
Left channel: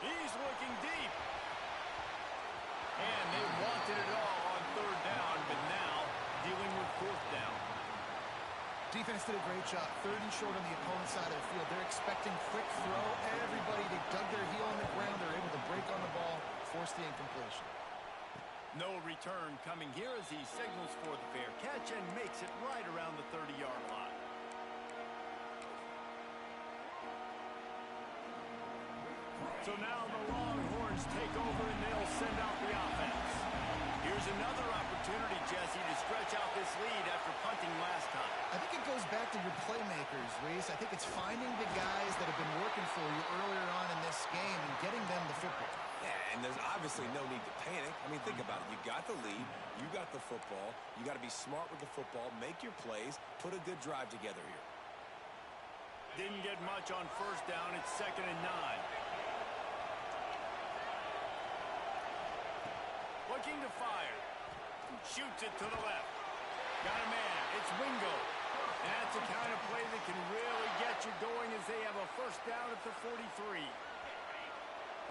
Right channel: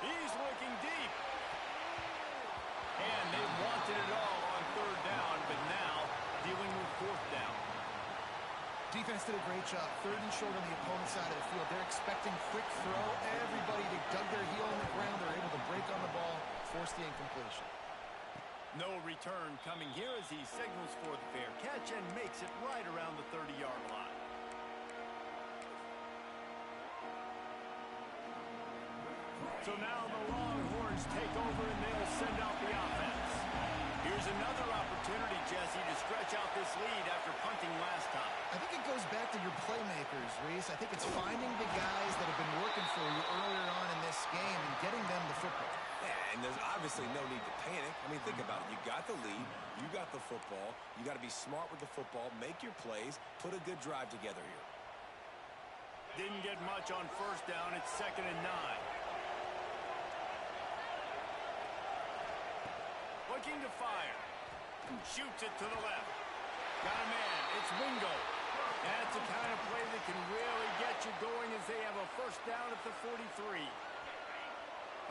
He's looking deep. And they wanted it all on third down, but now dealing with fourth down. Defense did a great job. Third and short on the opponent's side of the field. They're expecting quick throw. Everybody, they dug their heel on the ground. They're able to break on the ball, force the incompletion. No return coming here as he signals for the fair catch and makes it right around the 30-yard line. So now the Longhorns take over and they'll send out the offense. Here's another opportunity, Jesse, to stretch out this lead after punting last time. I think it goes back to your playmakers, Reese. I think it's finding the guys that have been working for you earlier on in this game and getting them the football. Yeah, and there's obviously no need to panic. I mean, think about it. You got the lead. You got the football. You got to be smart with the football. Make your plays. Put a good drive together here. Didn't get much on first down. It's 2nd and 9. Looking to fire. Shoots it to the left. Got a man. It's Wingo. That's a kind of play that can really get you going as they have a first down at the 43.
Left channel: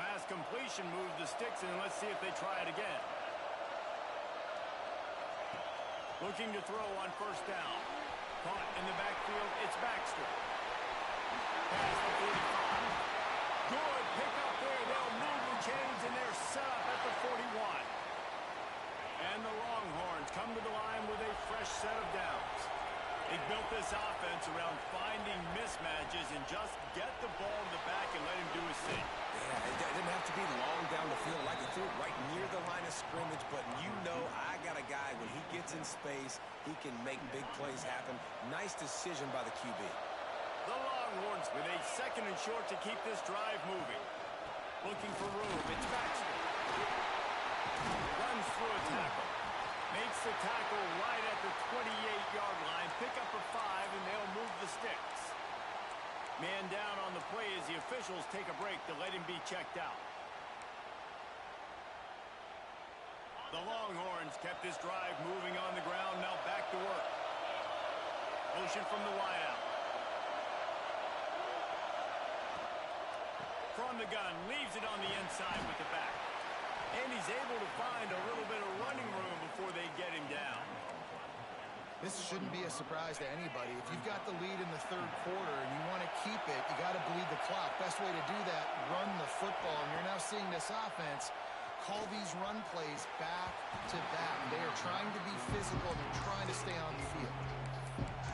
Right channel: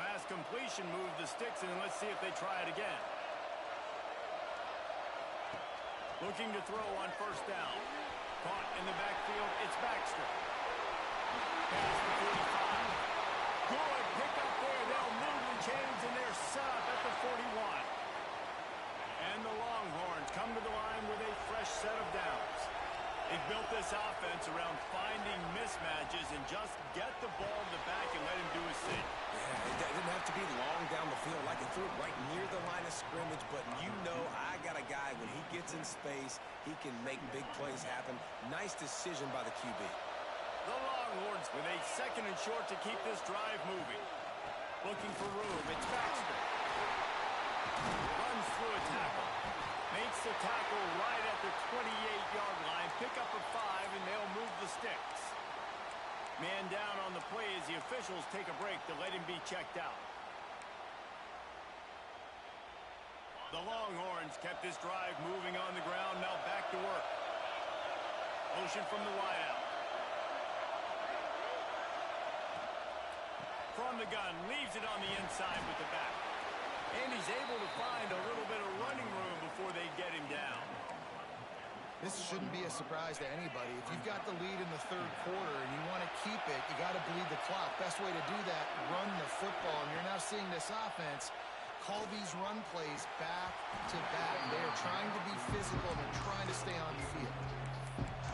Last completion moved the sticks, and let's see if they try it again. Looking to throw on first down. Caught in the backfield. It's Baxter. Pass the 45. Good pick up there. They'll move the chains, and they're set up at the 41. And the Longhorns come to the line with a fresh set of downs. They've built this offense around finding mismatches and just get the ball to the back and let him do his thing. Yeah, it didn't have to be long down the field. Like he threw it right near the line of scrimmage, but you know I got a guy, when he gets in space, he can make big plays happen. Nice decision by the QB. The Longhorns with a 2nd and short to keep this drive moving. Looking for room. It's Baxter. Runs through a tackle. Makes the tackle right at the 28-yard line. Pick up a 5, and they'll move the sticks. Man down on the play as the officials take a break to let him be checked out. The Longhorns kept this drive moving on the ground. Now back to work. Motion from the wideout. From the gun, leaves it on the inside with the back. And he's able to find a little bit of running room before they get him down. This shouldn't be a surprise to anybody. If you've got the lead in the third quarter and you want to keep it, you got to bleed the clock. Best way to do that, run the football. And you're now seeing this offense call these run plays back to back. They are trying to be physical, and they're trying to stay on the field.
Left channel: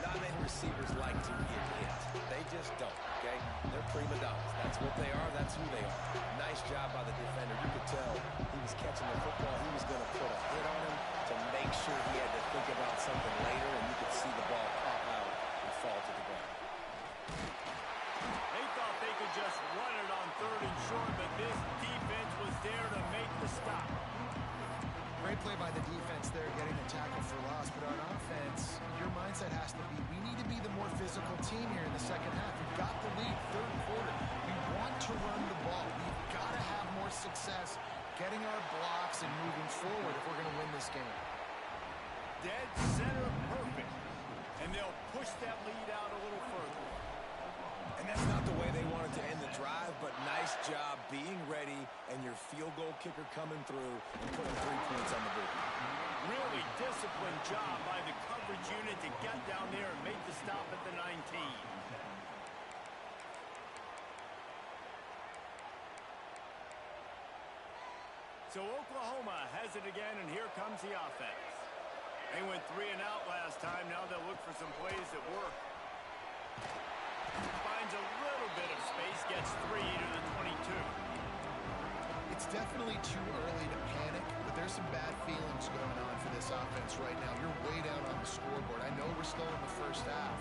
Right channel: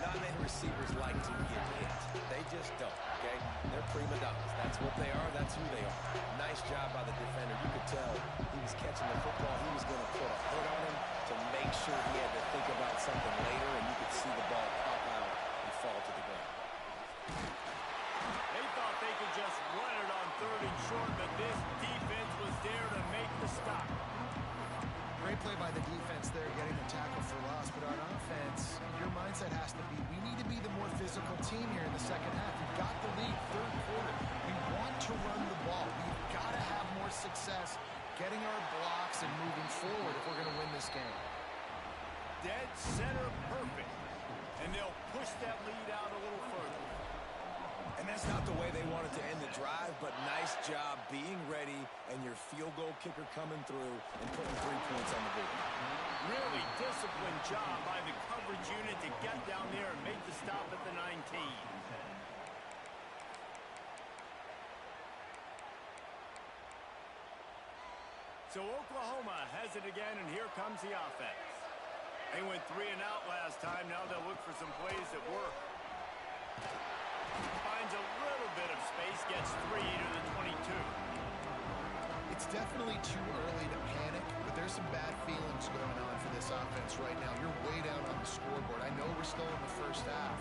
Not many receivers like to get hit. They just don't, okay? They're prima donnas. That's what they are. That's who they are. Nice job by the defender. You could tell he was catching the football. He was going to put a hit on him to make sure he had to think about something later, and you could see the ball pop out and fall to the ground. They thought they could just run it on 3rd and short, but this defense was there to make the stop. Great play by the defense there, getting the tackle for loss. But on offense, your mindset has to be, we need to be the more physical team here in the second half. We've got the lead, third quarter. We want to run the ball. We've got to have more success getting our blocks and moving forward if we're going to win this game. Dead center perfect. And they'll push that lead out a little further. And that's not the way they wanted to end the drive, but nice job being ready and your field goal kicker coming through and putting 3 points on the board. Really disciplined job by the coverage unit to get down there and make the stop at the 19. So Oklahoma has it again, and here comes the offense. They went 3 and out last time. Now they'll look for some plays that work. Finds a little bit of space, gets 3 to the 22. It's definitely too early to panic, but there's some bad feelings going on for this offense right now. You're way down on the scoreboard. I know we're still in the first half,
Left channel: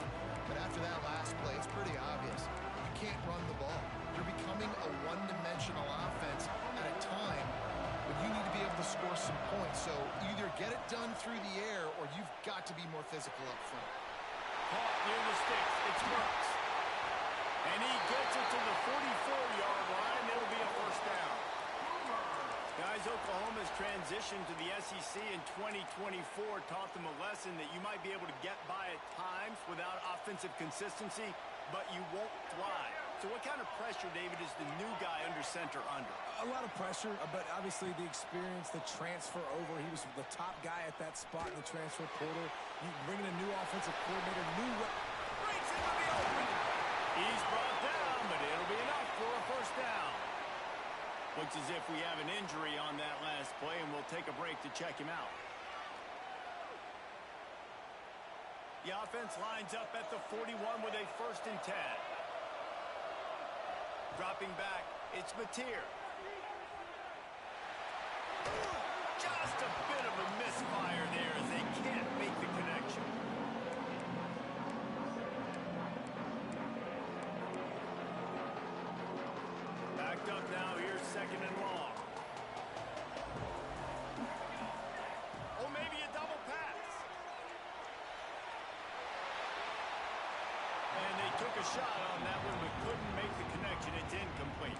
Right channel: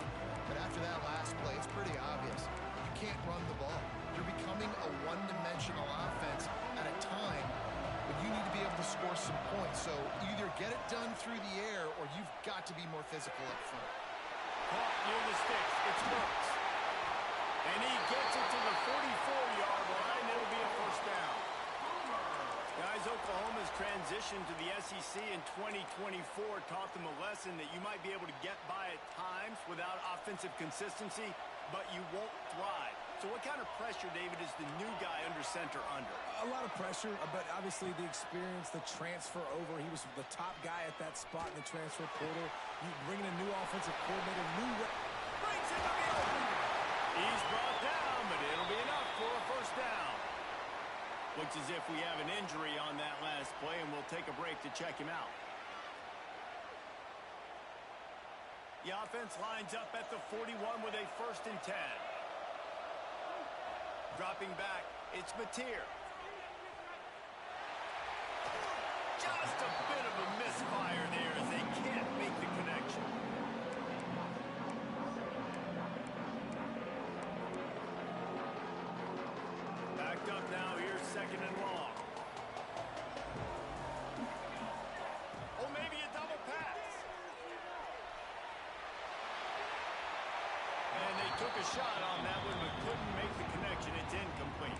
but after that last play, it's pretty obvious. You can't run the ball. You're becoming a one-dimensional offense at a time when you need to be able to score some points. So either get it done through the air or you've got to be more physical up front. Caught near the sticks. It's Brooks. And he gets it to the 44-yard line. It'll be a first down. Guys, Oklahoma's transition to the SEC in 2024 taught them a lesson that you might be able to get by at times without offensive consistency, but you won't thrive. So what kind of pressure, David, is the new guy under center under? A lot of pressure, but obviously the experience, the transfer over. He was the top guy at that spot in the transfer portal. You bring in a new offensive coordinator, Breaks into the open. He's brought down, but it'll be enough for a first down. Looks as if we have an injury on that last play, and we'll take a break to check him out. The offense lines up at the 41 with a 1st and 10. Dropping back, it's Mateer. Just a bit of a misfire there as they can't make the connection. Backed up now, here's 2nd and long. Oh, maybe a double pass. And they took a shot on that one, but couldn't make the connection. It's incomplete.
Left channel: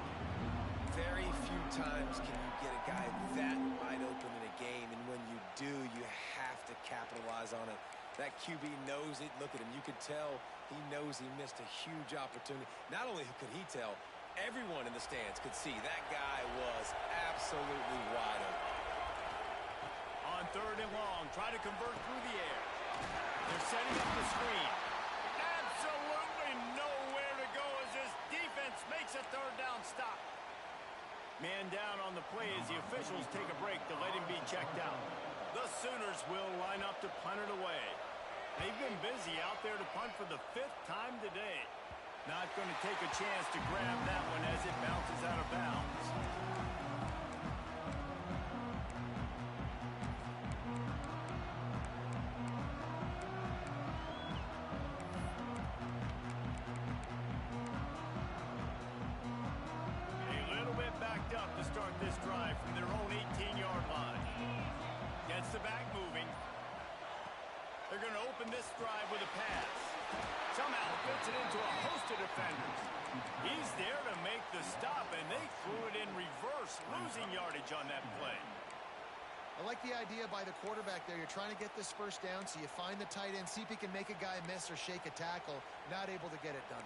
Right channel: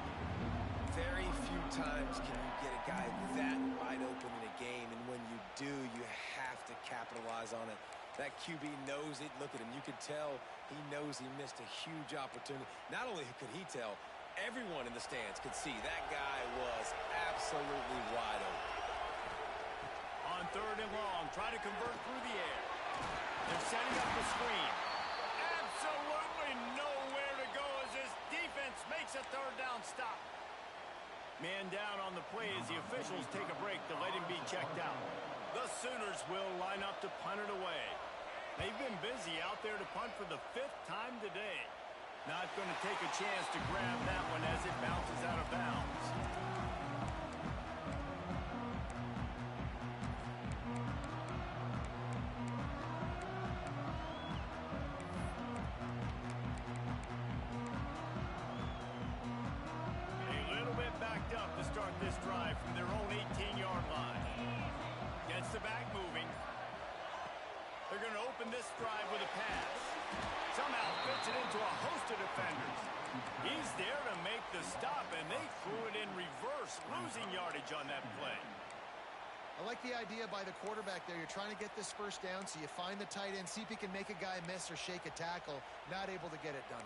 Very few times can you get a guy that wide open in a game, and when you do, you have to capitalize on it. That QB knows it. Look at him. You could tell he knows he missed a huge opportunity. Not only could he tell, everyone in the stands could see that guy was absolutely wide open. On 3rd and long, try to convert through the air. They're setting up the screen. Absolutely nowhere to go as this defense makes a 3rd down stop. Man down on the play as the officials take a break to let him be checked out. The Sooners will line up to punt it away. They've been busy out there to punt for the 5th time today. Not going to take a chance to grab that one as it bounces out of bounds. To start this drive from their own 18-yard line. Gets the back moving. They're going to open this drive with a pass. Somehow fits it into a host of defenders. He's there to make the stop, and they threw it in reverse, losing yardage on that play. I like the idea by the quarterback there. You're trying to get this 1st down, so you find the tight end, see if he can make a guy miss or shake a tackle. Not able to get it done.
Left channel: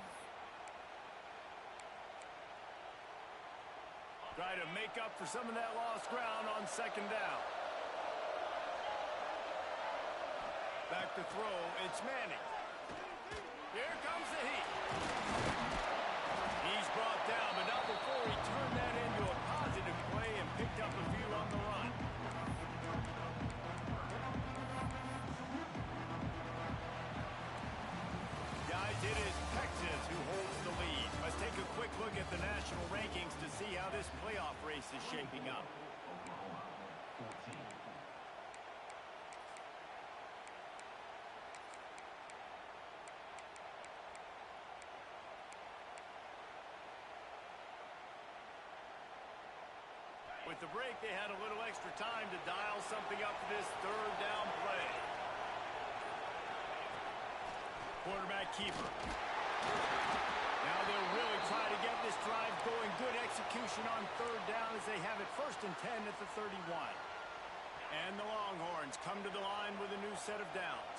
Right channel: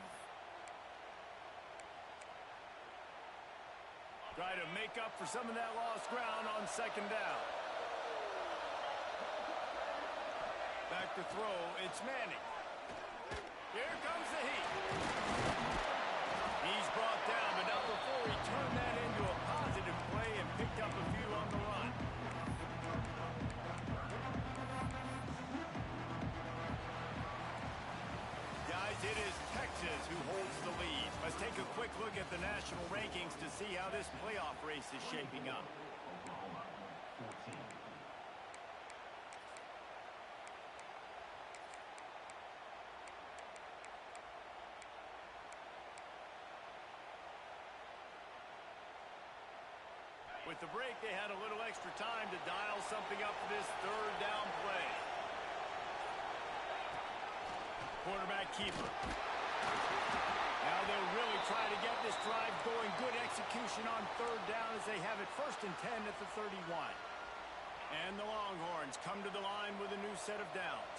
Try to make up for some of that lost ground on 2nd down. Back to throw, it's Manning. Here comes the heat. He's brought down, but not before he turned that into a positive play and picked up a few on the run. Guys, it is Texas who holds the lead. Let's take a quick look at the national rankings to see how this playoff race is shaping up. With the break, they had a little extra time to dial something up for this 3rd down play. Quarterback keeper. Now they'll really try to get this drive going. Good execution on 3rd down as they have it 1st and 10 at the 31. And the Longhorns come to the line with a new set of downs.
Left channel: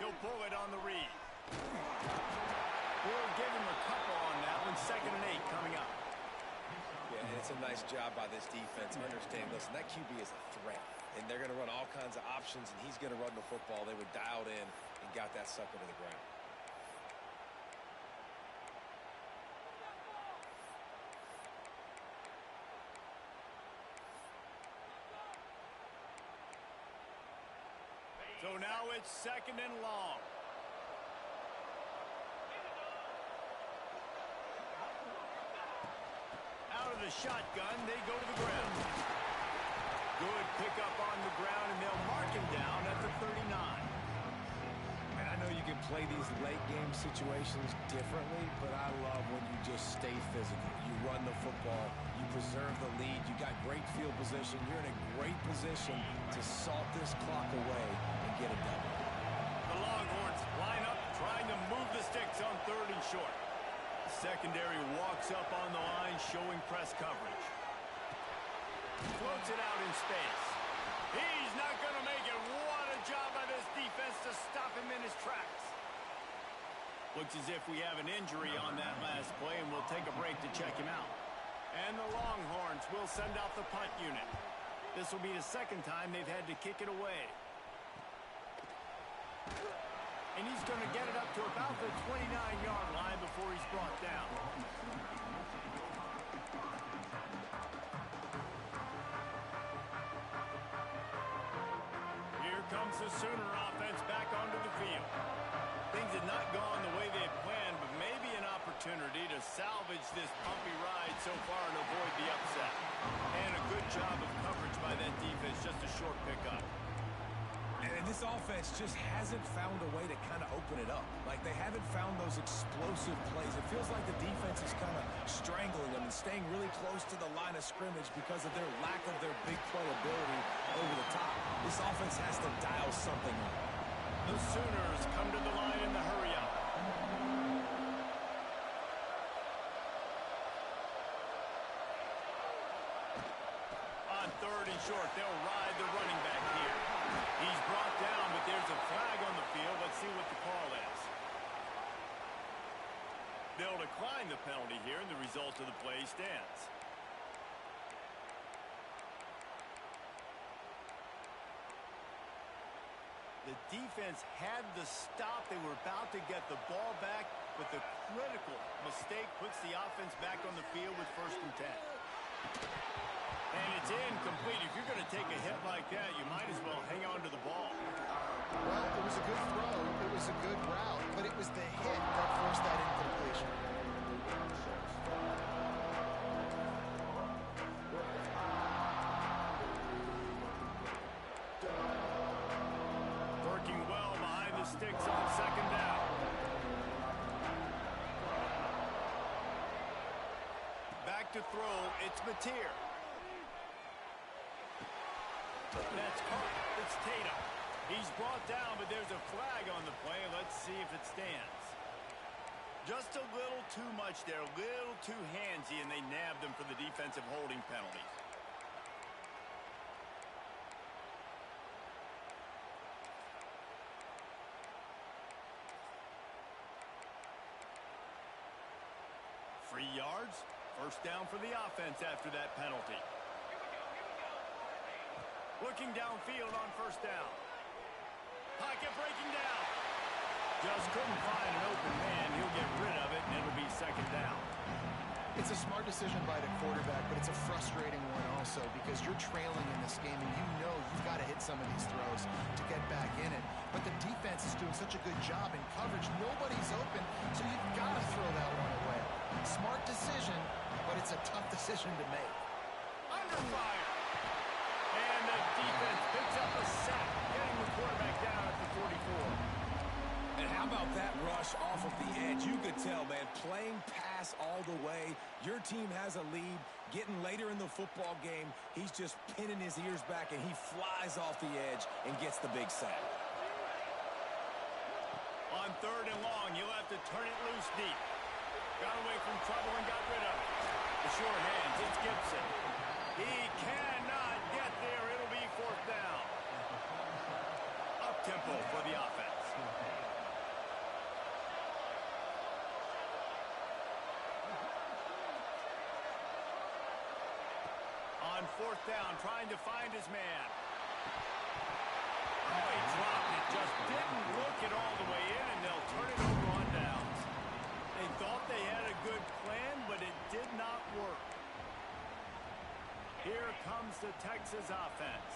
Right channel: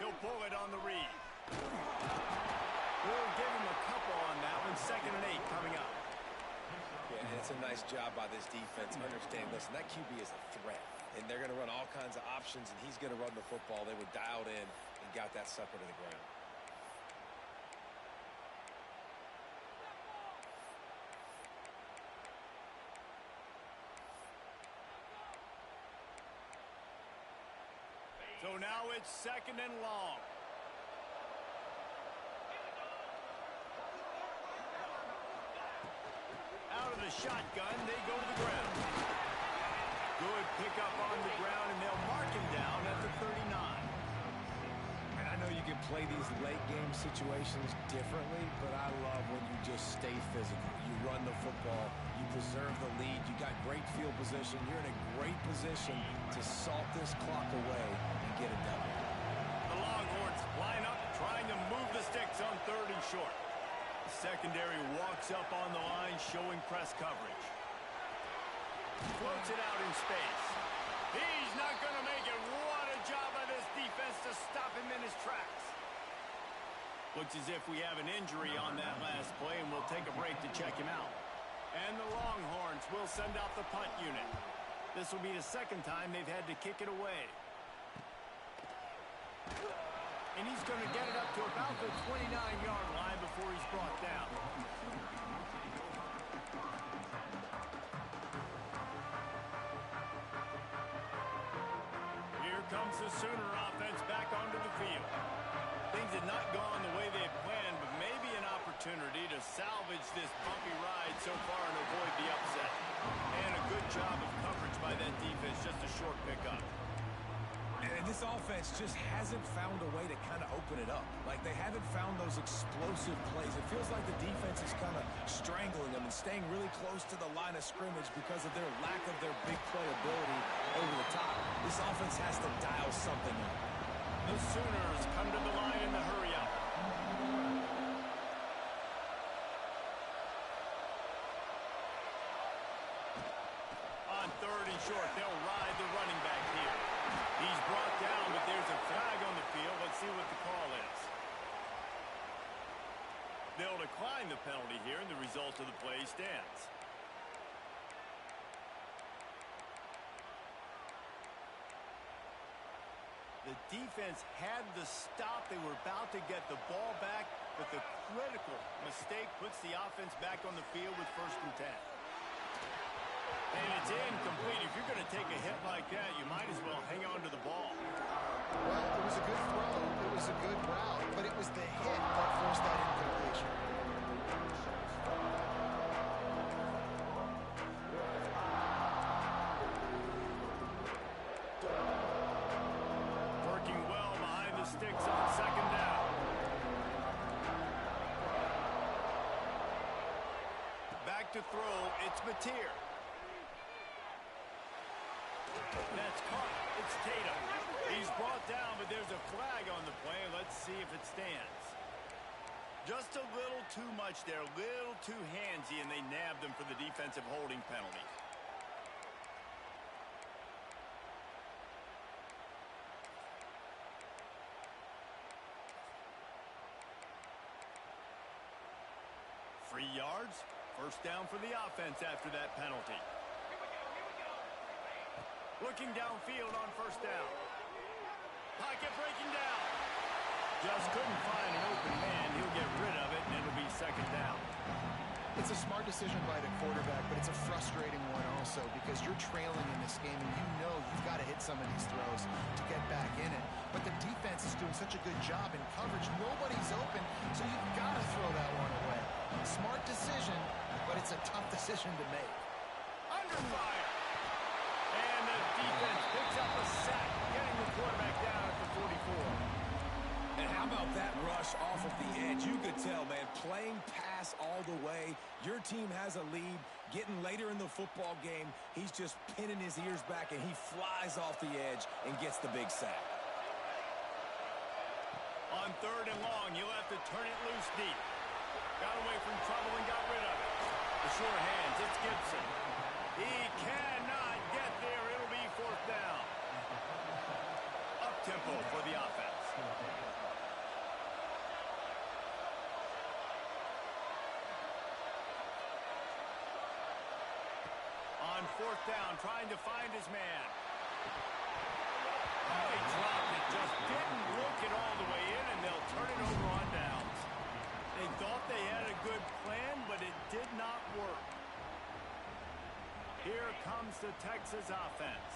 He'll pull it on the read. We'll give him a couple on that one. 2nd and 8 coming up. Yeah, and it's a nice job by this defense. Understand, listen, that QB is a threat. And they're going to run all kinds of options, and he's going to run the football. They were dialed in and got that sucker to the ground. So now it's 2nd and long. Out of the shotgun, they go to the ground. Good pickup on the ground, and they'll mark him down at the 39. And I know you can play these late game situations differently, but I love when you just stay physical. You run the football, you preserve the lead, you got great field position. You're in a great position to salt this clock away and get a double. The Longhorns line up, trying to move the sticks on 3rd and short. The secondary walks up on the line, showing press coverage. Floats it out in space. He's not going to make it. What a job by this defense. defense to stop him in his tracks. Looks as if we have an injury on that last play, and we'll take a break to check him out. And the Longhorns will send out the punt unit. This will be the second time they've had to kick it away. And he's going to get it up to about the 29-yard line before he's brought down. Here comes the Sooner offense back onto the field. Things had not gone the way they had planned, but maybe an opportunity to salvage this bumpy ride so far and avoid the upset. And a good job of coverage by that defense, just a short pickup. And this offense just hasn't found a way to kind of open it up. Like, they haven't found those explosive plays. It feels like the defense is kind of strangling them and staying really close to the line of scrimmage because of their lack of their big play ability over the top. This offense has to dial something up. The Sooners come to the line in the hurry-up. On third and short, they'll ride the running back here. He's brought down, but there's a flag on the field. Let's see what the call is. They'll decline the penalty here, and the result of the play stands. The defense had the stop. They were about to get the ball back, but the critical mistake puts the offense back on the field with 1st and 10. And it's incomplete. If you're going to take a hit like that, you might as well hang on to the ball. Well, it was a good throw. It was a good route, but it was the hit that forced that incompletion. Working well behind the sticks on 2nd down. Back to throw, it's Mateer. That's caught. It's Tatum. He's brought down, but there's a flag on the play. Let's see if it stands. Just a little too much there, a little too handsy, and they nabbed him for the defensive holding penalty. Free yards. 1st down for the offense after that penalty. Looking downfield on 1st down. Pocket breaking down. Just couldn't find an open man. He'll get rid of it, and it'll be 2nd down. It's a smart decision by the quarterback, but it's a frustrating one also because you're trailing in this game, and you know you've got to hit some of these throws to get back in it. But the defense is doing such a good job in coverage. Nobody's open, so you've got to throw that one away. Smart decision, but it's a tough decision to make. Under fire. And the defense picks up a sack, getting the quarterback down at the 44. And how about that rush off of the edge? You could tell, man, playing pass all the way. Your team has a lead. Getting later in the football game, he's just pinning his ears back, and he flies off the edge and gets the big sack. On 3rd and long, you'll have to turn it loose deep. Got away from trouble and got rid of it. The short hands, it's Gibson. He cannot get there. It'll be 4th down. Up-tempo for the offense. On 4th down, trying to find his man. Oh, he dropped it. Just didn't look it all the way in, and they'll turn it over on downs. They thought they had a good plan, but it did not work. Here comes the Texas offense.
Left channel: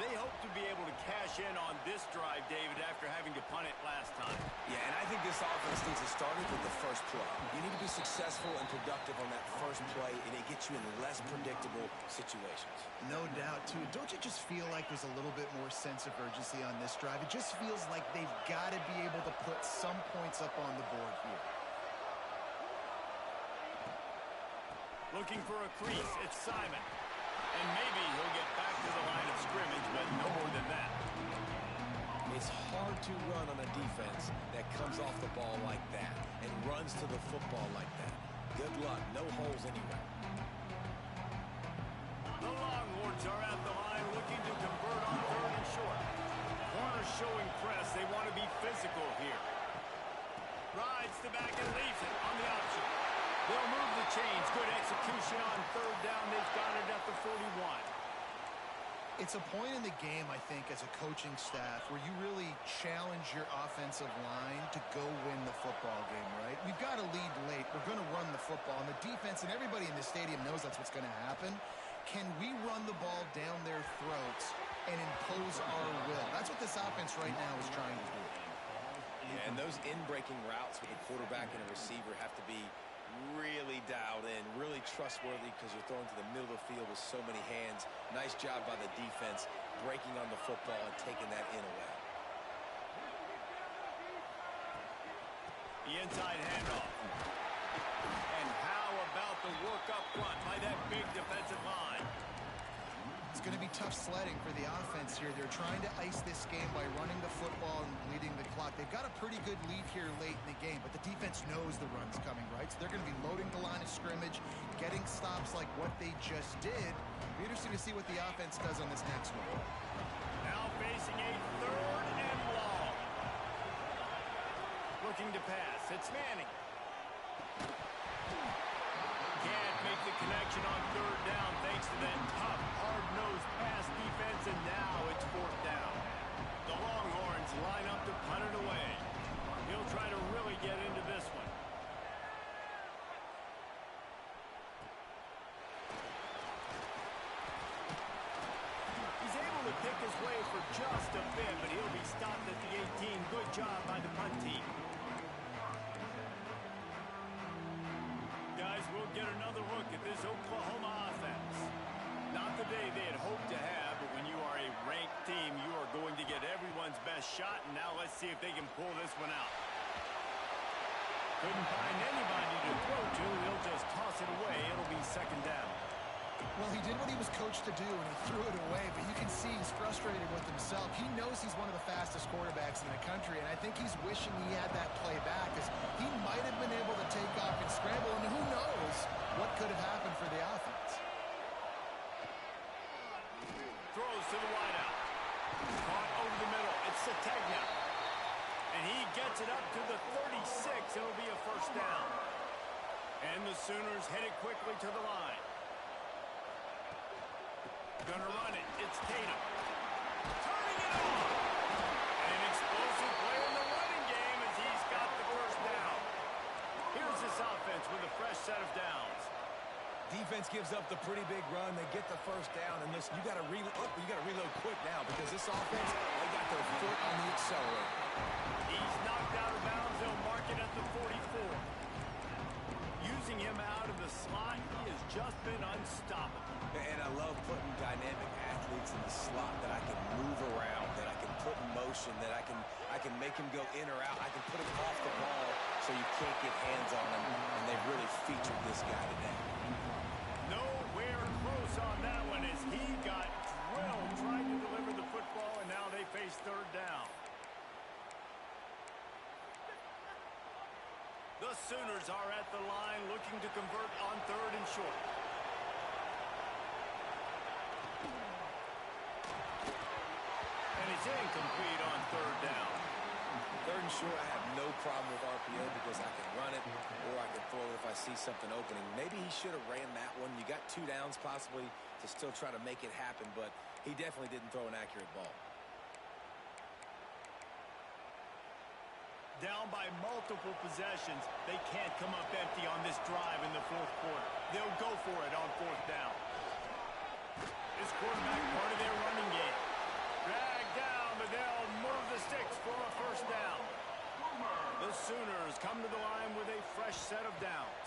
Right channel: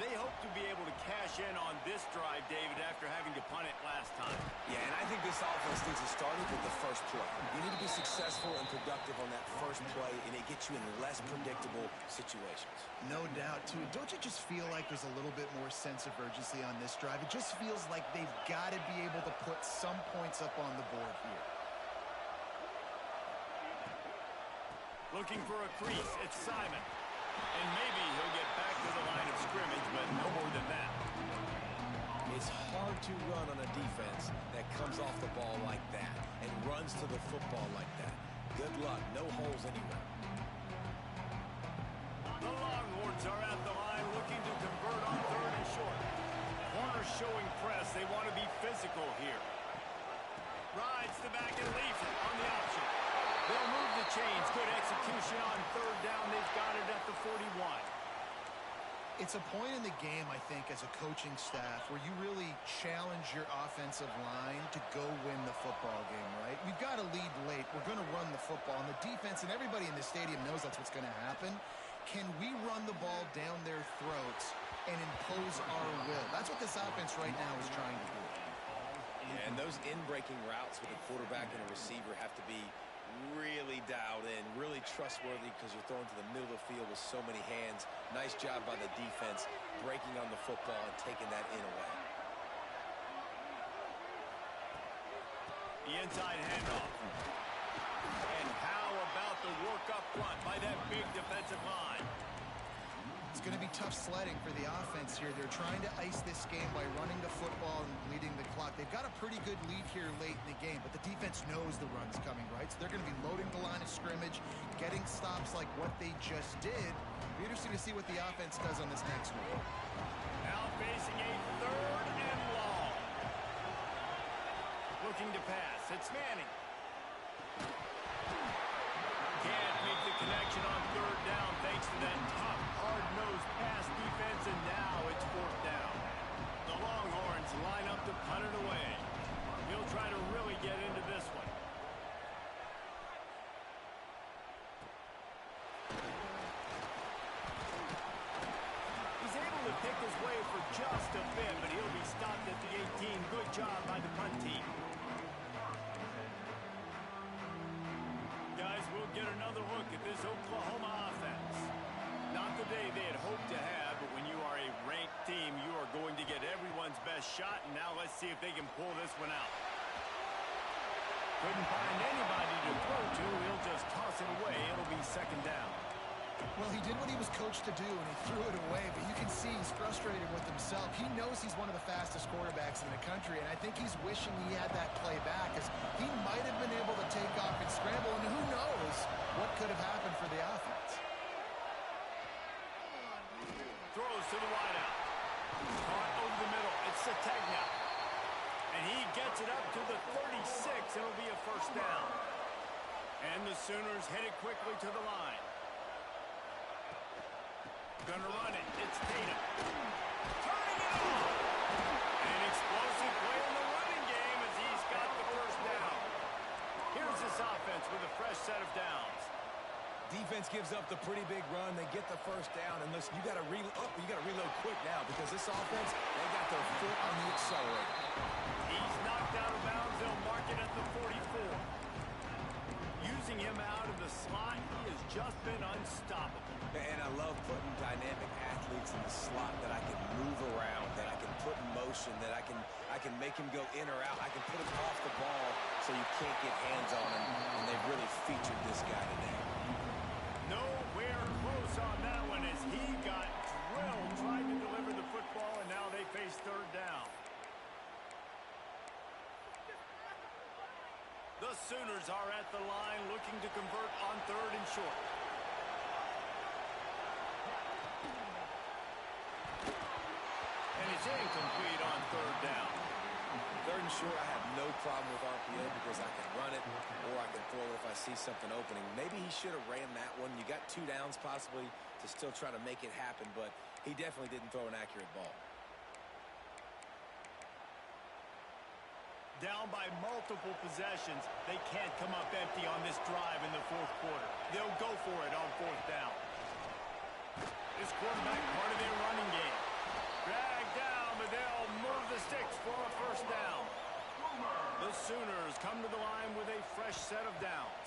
They hope to be able to cash in on this drive, David, after having to punt it last time. Yeah, and I think this offense needs to start it with the first play. You need to be successful and productive on that first play, and it gets you in less predictable situations. No doubt, too. Don't you just feel like there's a little bit more sense of urgency on this drive? It just feels like they've got to be able to put some points up on the board here. Looking for a crease, it's Simon. And maybe he'll get back to the line of scrimmage, but no more than that. It's hard to run on a defense that comes off the ball like that and runs to the football like that. Good luck. No holes anywhere. The Longhorns are at the line looking to convert on 3rd and short. Corner showing press. They want to be physical here. Rides the back and leaves it on the option. They'll move the chains. Good execution on third down. They've got it at the 41. It's a point in the game, I think, as a coaching staff where you really challenge your offensive line to go win the football game, right? We've got to lead late. We're going to run the football. And the defense and everybody in the stadium knows that's what's going to happen. Can we run the ball down their throats and impose our will? That's what this offense right now is trying to do. Yeah, and those in-breaking routes with a quarterback and a receiver have to be really dialed in, really trustworthy, because you're throwing to the middle of the field with so many hands. Nice job by the defense breaking on the football and taking that in away. The inside handoff. And how about the work up front by that big defensive line? It's going to be tough sledding for the offense here. They're trying to ice this game by running the football and bleeding the clock. They've got a pretty good lead here late in the game, but the defense knows the run's coming, right? So they're going to be loading the line of scrimmage, getting stops like what they just did. It'll be interesting to see what the offense does on this next one. Now facing a third and long. Looking to pass. It's Manning. Can't make the connection on third down thanks to that tough, hard-nosed pass defense, and now it's fourth down. The Longhorns line up to punt it away. He'll try to really get into this one. He's able to pick his way for just a bit, but he'll be stopped at the 18. Good job by the punt team. Guys, we'll get another look at this Oklahoma offense. Not the day they had hoped to have, but when you are a ranked team, you are going to get everyone's best shot, and now let's see if they can pull this one out. Couldn't find anybody to throw to. He'll just toss it away. It'll be second down. Well, he did what he was coached to do, and he threw it away, but you can see he's frustrated with himself. He knows he's one of the fastest quarterbacks in the country, and I think he's wishing he had that play back, because he might have been able to take off and scramble, and who knows what could have happened for the offense. Throws to the wideout. Caught over the middle. It's Sategna. And he gets it up to the 36. It'll be a first down. And the Sooners headed quickly to the line. Gonna run it. It's Tatum. Turning it on. An explosive play in the running game as he's got the first down. Here's this offense with a fresh set of downs. Defense gives up the pretty big run. They get the first down, and listen, you got to reload quick now because this offense, they got their foot on the accelerator. He's knocked out of bounds. They'll mark it at the 44. Using him out of the slot, he has just been unstoppable. And I love putting dynamic athletes in the slot that I can move around, that I can put in motion, that I can make him go in or out. I can put him off the ball so you can't get hands on him, and they've really featured this guy today. Nowhere close on that one as he got drilled trying to deliver the football, and now they face third down. The Sooners are at the line looking to convert on third and short. And it's incomplete on third down. Third and short, I have no problem with RPO because I can run it or I can throw it if I see something opening. Maybe he should have ran that one. You got 2 downs possibly to still try to make it happen, but he definitely didn't throw an accurate ball. Down by multiple possessions, they can't come up empty on this drive in the fourth quarter. They'll go for it on fourth down. This quarterback part of their running game. Dragged down, but they'll move the sticks for a first down. The Sooners come to the line with a fresh set of downs.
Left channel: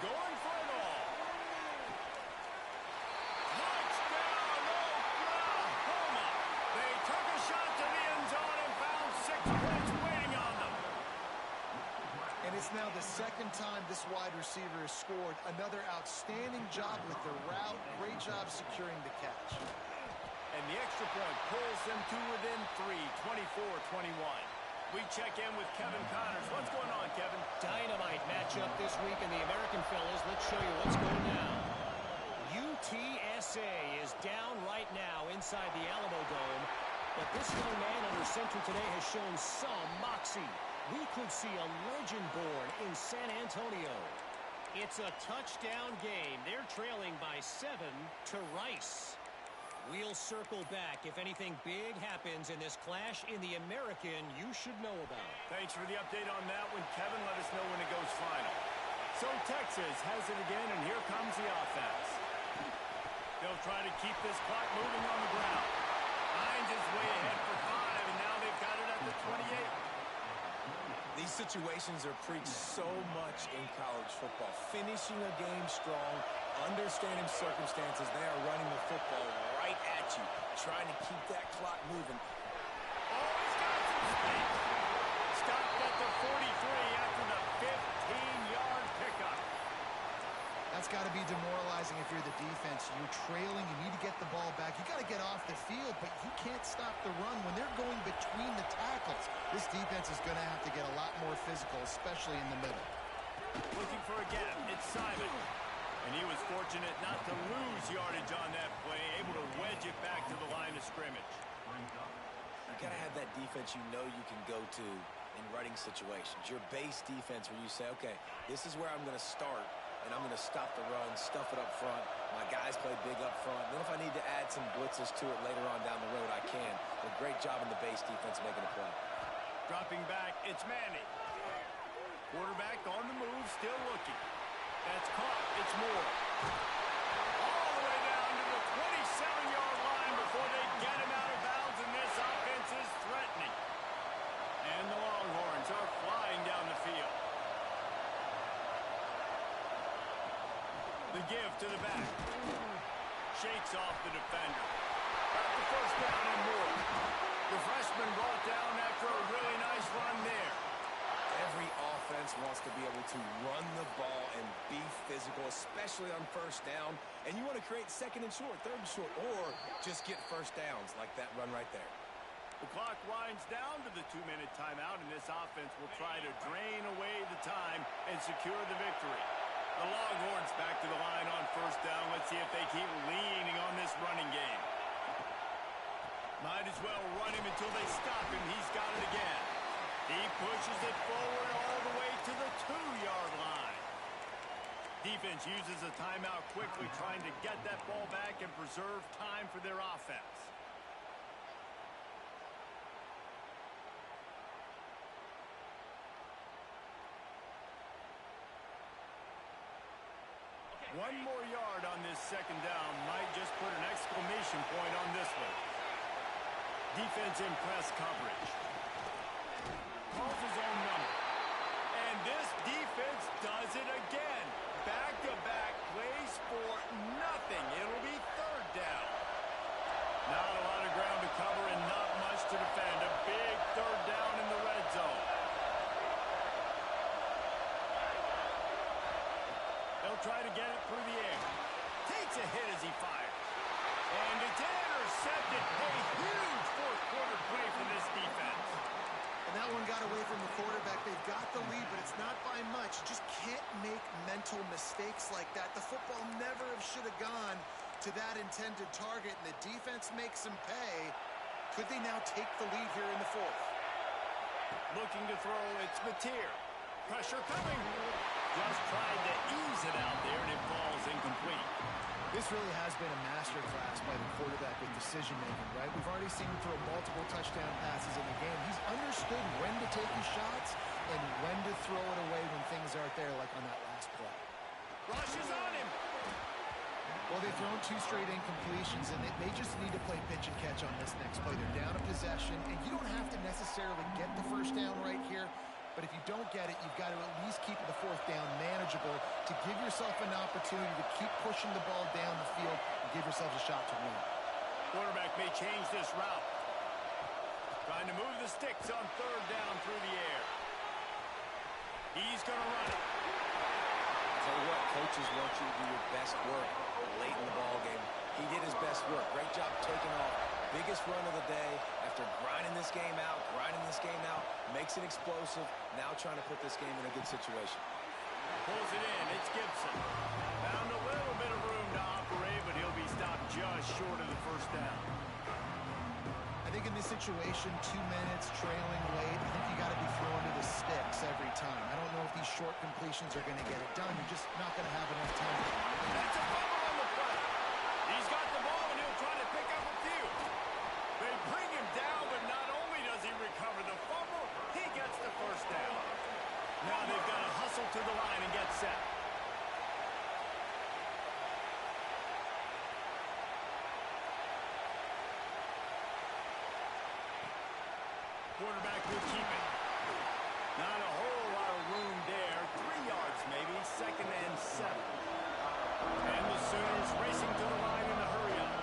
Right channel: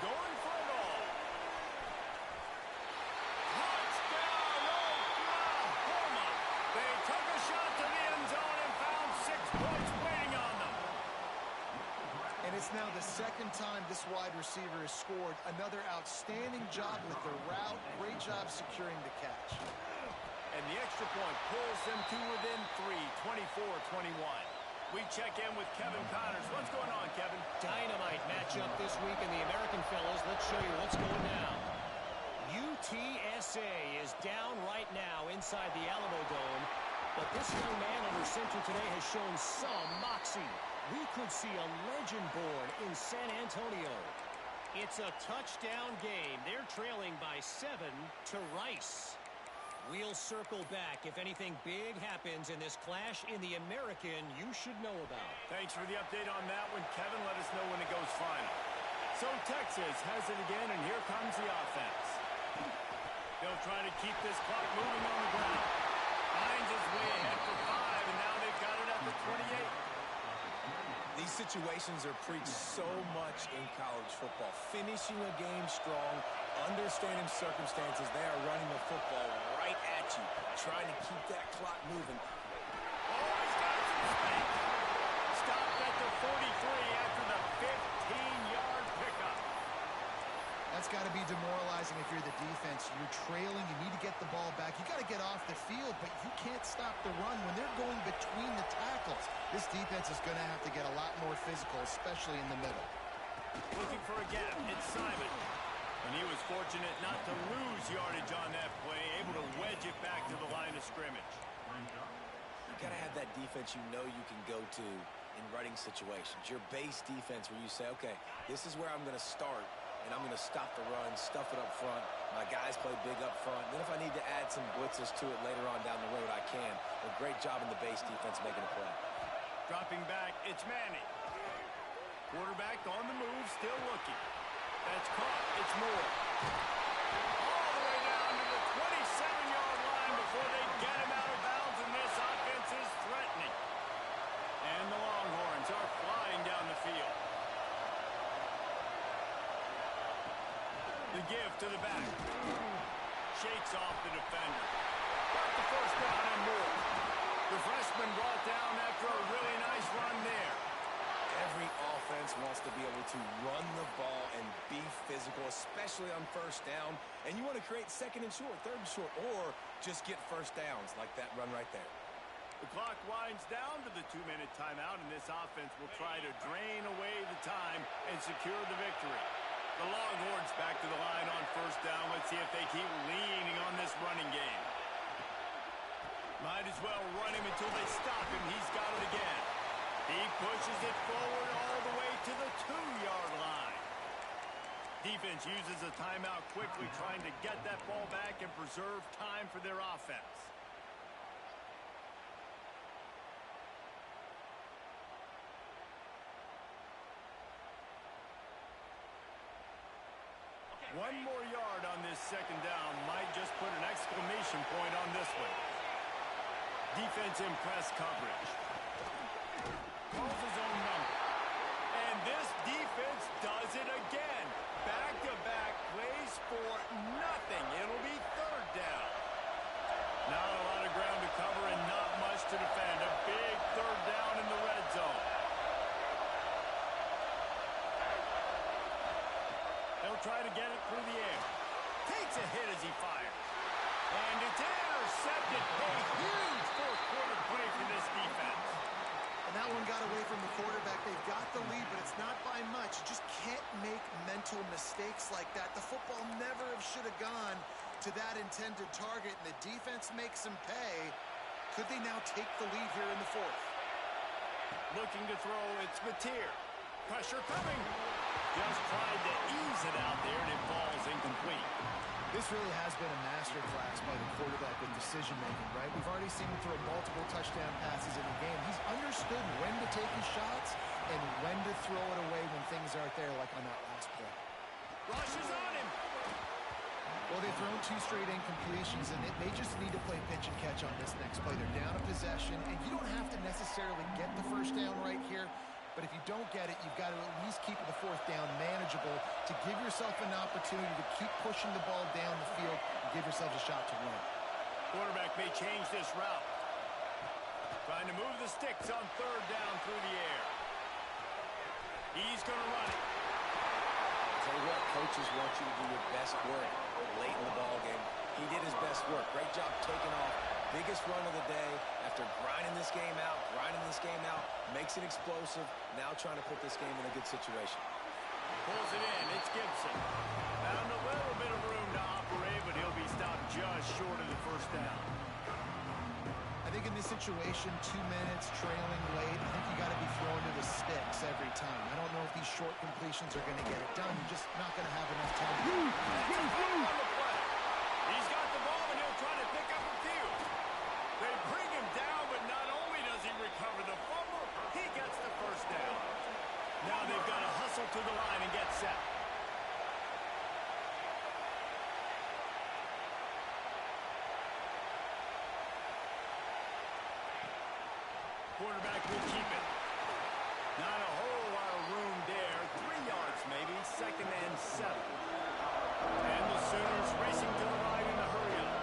Going for it all. Touchdown, Oklahoma! They took a shot to the end zone and found 6 points waiting on them. And it's now the second time this wide receiver has scored. Another outstanding job with the route. Great job securing the catch. And the extra point pulls them to within 3, 24-21. We check in with Kevin Connors. What's going on, Kevin? Dynamite matchup this week in the American fellas. Let's show you what's going down. UTSA is down right now inside the Alamo Dome, but this young man under center today has shown some moxie. We could see a legend born in San Antonio. It's a touchdown game. They're trailing by 7 to Rice. We'll circle back if anything big happens in this clash in the American you should know about. Thanks for the update on that one, Kevin. Let us know when it goes final. So Texas has it again, and here comes the offense. They'll try to keep this clock moving on the ground. Hines is way ahead for 5, and now they've got it at the 28. These situations are preached so much in college football. Finishing a game strong, understanding circumstances. They are running the football right at you, trying to keep that clock moving. Oh, he's got some space. Stopped at the 43 after the 15-yard pickup. That's got to be demoralizing if you're the defense. You're trailing. You need to get the ball back. You got to get off the field, but you can't stop the run when they're going between the tackles. This defense is going to have to get a lot more physical, especially in the middle. Looking for a gap. It's Simon. And he was fortunate not to lose yardage on that play, able to wedge it back to the line of scrimmage. You got to have that defense you know you can go to in running situations. Your base defense where you say, okay, this is where I'm going to start, and I'm going to stop the run, stuff it up front. My guys play big up front. And then if I need to add some blitzes to it later on down the road, I can. But great job in the base defense making a play. Dropping back, it's Manning. Quarterback on the move, still looking. That's caught. It's Moore. All the way down to the 27-yard line before they get him out of bounds, and this offense is threatening. And the Longhorns are flying down the field. The give to the back. Shakes off the defender. Got the first down and more. The freshman brought down after a really nice run there. Every offense wants to be able to run the ball and be physical, especially on first down. And you want to create second and short, third and short, or just get first downs like that run right there. The clock winds down to the 2-minute timeout, and this offense will try to drain away the time and secure the victory. The Longhorns back to the line on first down. Let's see if they keep leaning on this running game. Might as well run him until they stop him. He's got it again. He pushes it forward all the way to the 2-yard line. Defense uses a timeout quickly, trying to get that ball back and preserve time for their offense. One more yard on this second down might just put an exclamation point on this one. Defense in press coverage. Calls his own number. And this defense does it again. Back-to-back plays for nothing. It'll be third down. Not a lot of ground to cover and not much to defend. A big third down in the red zone. They'll try to get it through the air. Takes a hit as he fires. And it's intercepted. A huge fourth quarter play for this defense. And that one got away from the quarterback. They've got the lead, but it's not by much. You just can't make mental mistakes like that. The football never should have gone to that intended target, and the defense makes them pay. Could they now take the lead here in the fourth? Looking to throw, it's Mateer. Pressure coming. Just tried to ease it out there, and it falls incomplete. This really has been a masterclass by the quarterback with decision-making, right? We've already seen him throw multiple touchdown passes in the game. He's understood when to take his shots and when to throw it away when things aren't there, like on that last play. Rush is on him. Well, they've thrown 2 straight incompletions, and they just need to play pitch and catch on this next play. They're down a possession, and you don't have to necessarily get the first down right here. But if you don't get it, you've got to at least keep the fourth down manageable to give yourself an opportunity to keep pushing the ball down the field and give yourselves a shot to win. Quarterback may change this route. Trying to move the sticks on third down through the air. He's going to run it. I'll tell you what, coaches want you to do your best work late in the ball game. He did his best work. Great job taking off. Biggest run of the day after grinding this game out, makes it explosive, now trying to put this game in a good situation. Pulls it in, it's Gibson. Found a little bit of room to operate. short of the first down. I think in this situation, 2 minutes, trailing late, I think you got to be throwing to the sticks every time. I don't know if these short completions are going to get it done. You're just not going to have enough time. That's a fumble on the play. He's got the ball, and he'll try to pick up a few. They bring him down, but not only does he recover the fumble, he gets the first down. Now they've got to hustle to the line and get set. Quarterback will keep it. Not a whole lot of room there. 3 yards maybe. 2nd and 7. And the Sooners racing to the line in a hurry up.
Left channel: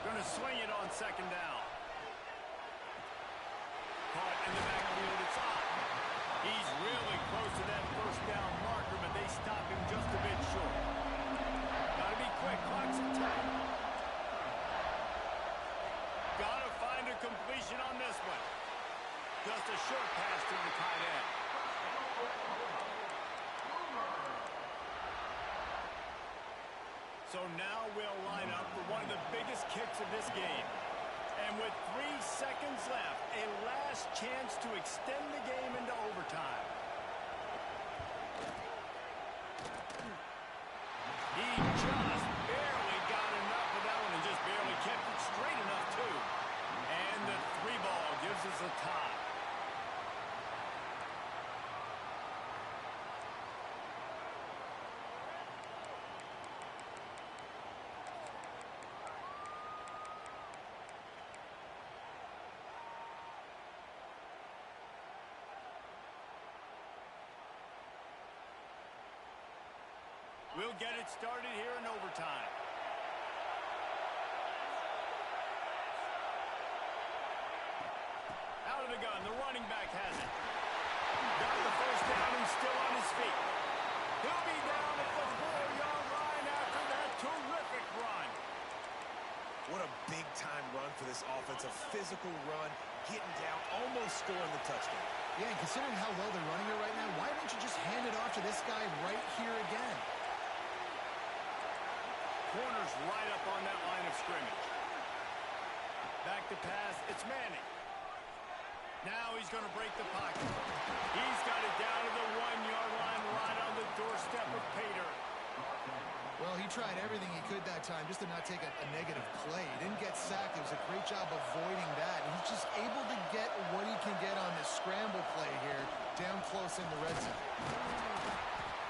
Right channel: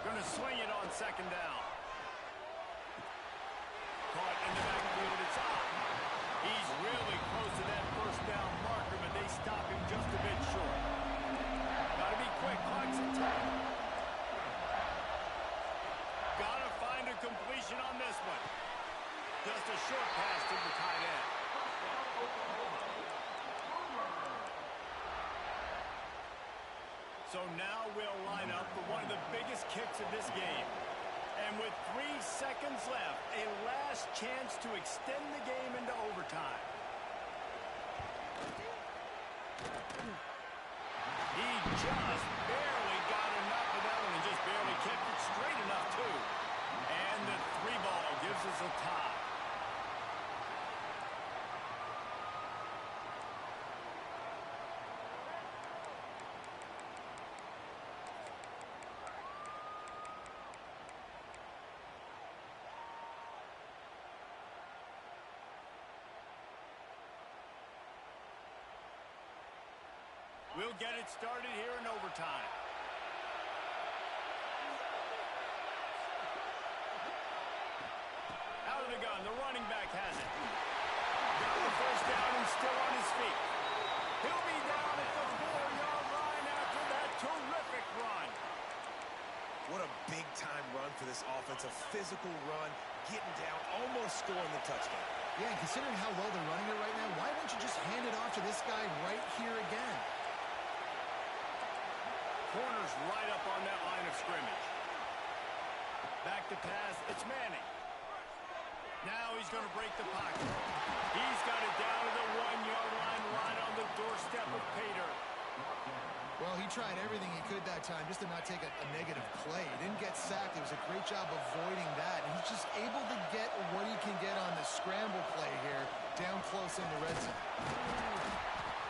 Going to swing it on 2nd down. Caught in the backfield. It's Ott. He's really close to that first down marker, but they stop him just a bit short. Got to be quick. Clock's at 10. Got to find a completion on this one. Just a short pass to the tight end. So now we'll line up for one of the biggest kicks of this game. And with 3 seconds left, a last chance to extend the game into overtime. He just barely got enough of that one and just barely kept it straight enough, too. And the 3 ball gives us a tie. We'll get it started here in overtime. Out of the gun, the running back has it. Got the first down and still on his feet. He'll be down at the 4-yard line after that terrific run. What a big-time run for this offense. A physical run, getting down, almost scoring the touchdown. Yeah, and considering how well they're running it right now, why won't you just hand it off to this guy right here again? Corner's right up on that line of scrimmage. Back to pass. It's Manning. Now he's going to break the pocket. He's got it down to the 1-yard line right on the doorstep of Pater. Well, he tried everything he could that time just to not take a negative play. He didn't get sacked. It was a great job avoiding that. And he's just able to get what he can get on the scramble play here down close in the red zone.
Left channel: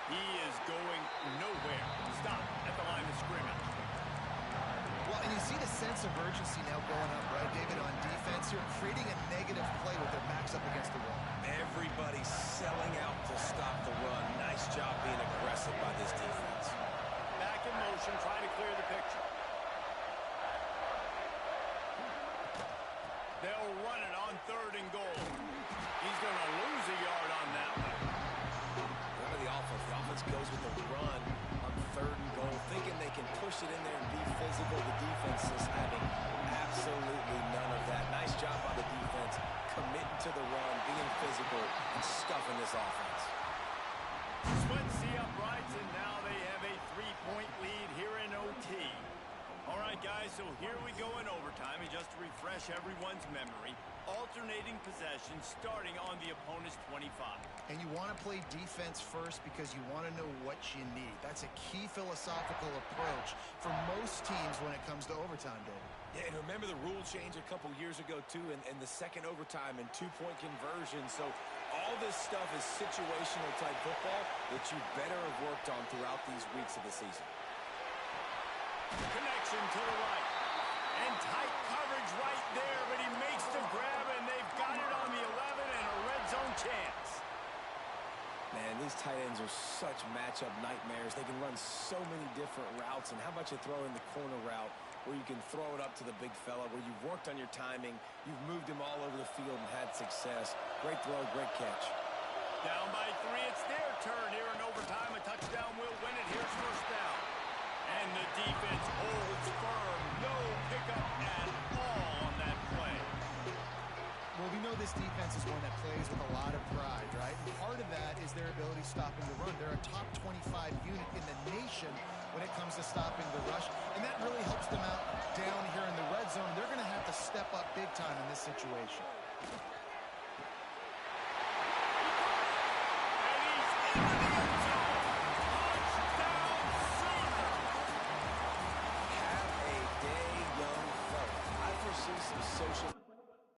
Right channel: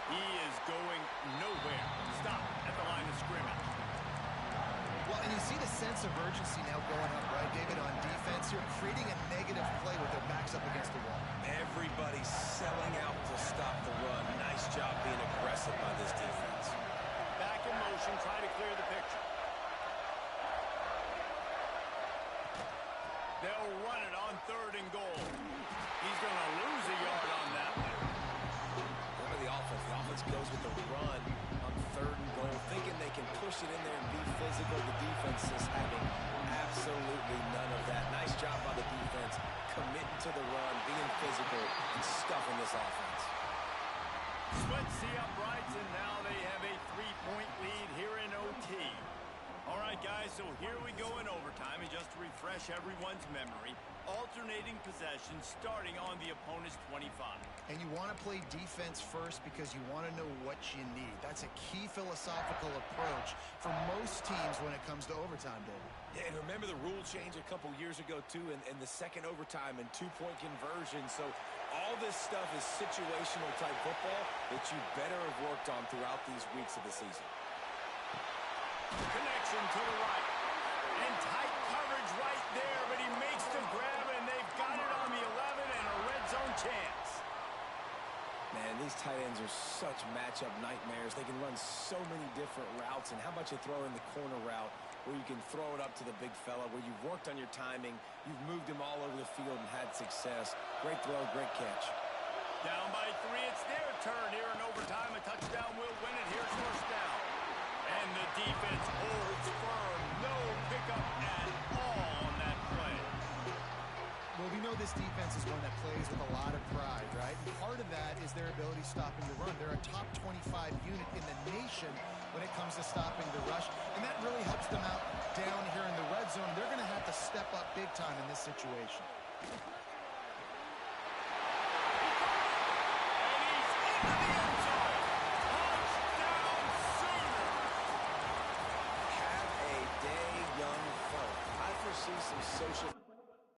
He is going nowhere. Stop at the line of scrimmage. Well, and you see the sense of urgency now going up, right, David, on defense here, creating a negative play with their backs up against the wall. Everybody's selling out to stop the run. Nice job being aggressive by this defense. Back in motion, try to clear the picture. They'll run it on 3rd and goal. He's going to lose a yard on that one. Remember the offense. The offense goes with the run on 3rd and goal, thinking they can push it in there and be physical. The defense is having absolutely none of that. Nice job by the defense, committing to the run, being physical, and stuffing this offense. Splits the uprights, and now they have a 3-point lead here in OT. All right, guys, so here we go in overtime. And just to refresh everyone's memory, alternating possessions starting on the opponent's 25. And you want to play defense first because you want to know what you need. That's a key philosophical approach for most teams when it comes to overtime, David. Yeah, and remember the rule change a couple years ago, too, and the second overtime and 2-point conversion. So all this stuff is situational type football that you better have worked on throughout these weeks of the season. Connection to the right. And tight coverage right there, but he makes the grab, and they've got it on the 11 and a red zone chance. Man, these tight ends are such matchup nightmares. They can run so many different routes, and how about you throw in the corner route where you can throw it up to the big fella, where you've worked on your timing, you've moved him all over the field and had success. Great throw, great catch. Down by 3, it's their turn here in overtime. A touchdown will win it. Here's first down. And the defense holds firm. No pickup at all on that play. Well, we know this defense is one that plays with a lot of pride, right? And part of that is is their ability stopping the run. They're a top 25 unit in the nation when it comes to stopping the rush, and that really helps them out down here in the red zone. They're going to have to step up big time in this situation. And he's into the end zone. Touchdown Sooner. Have a day, young fella. I foresee some social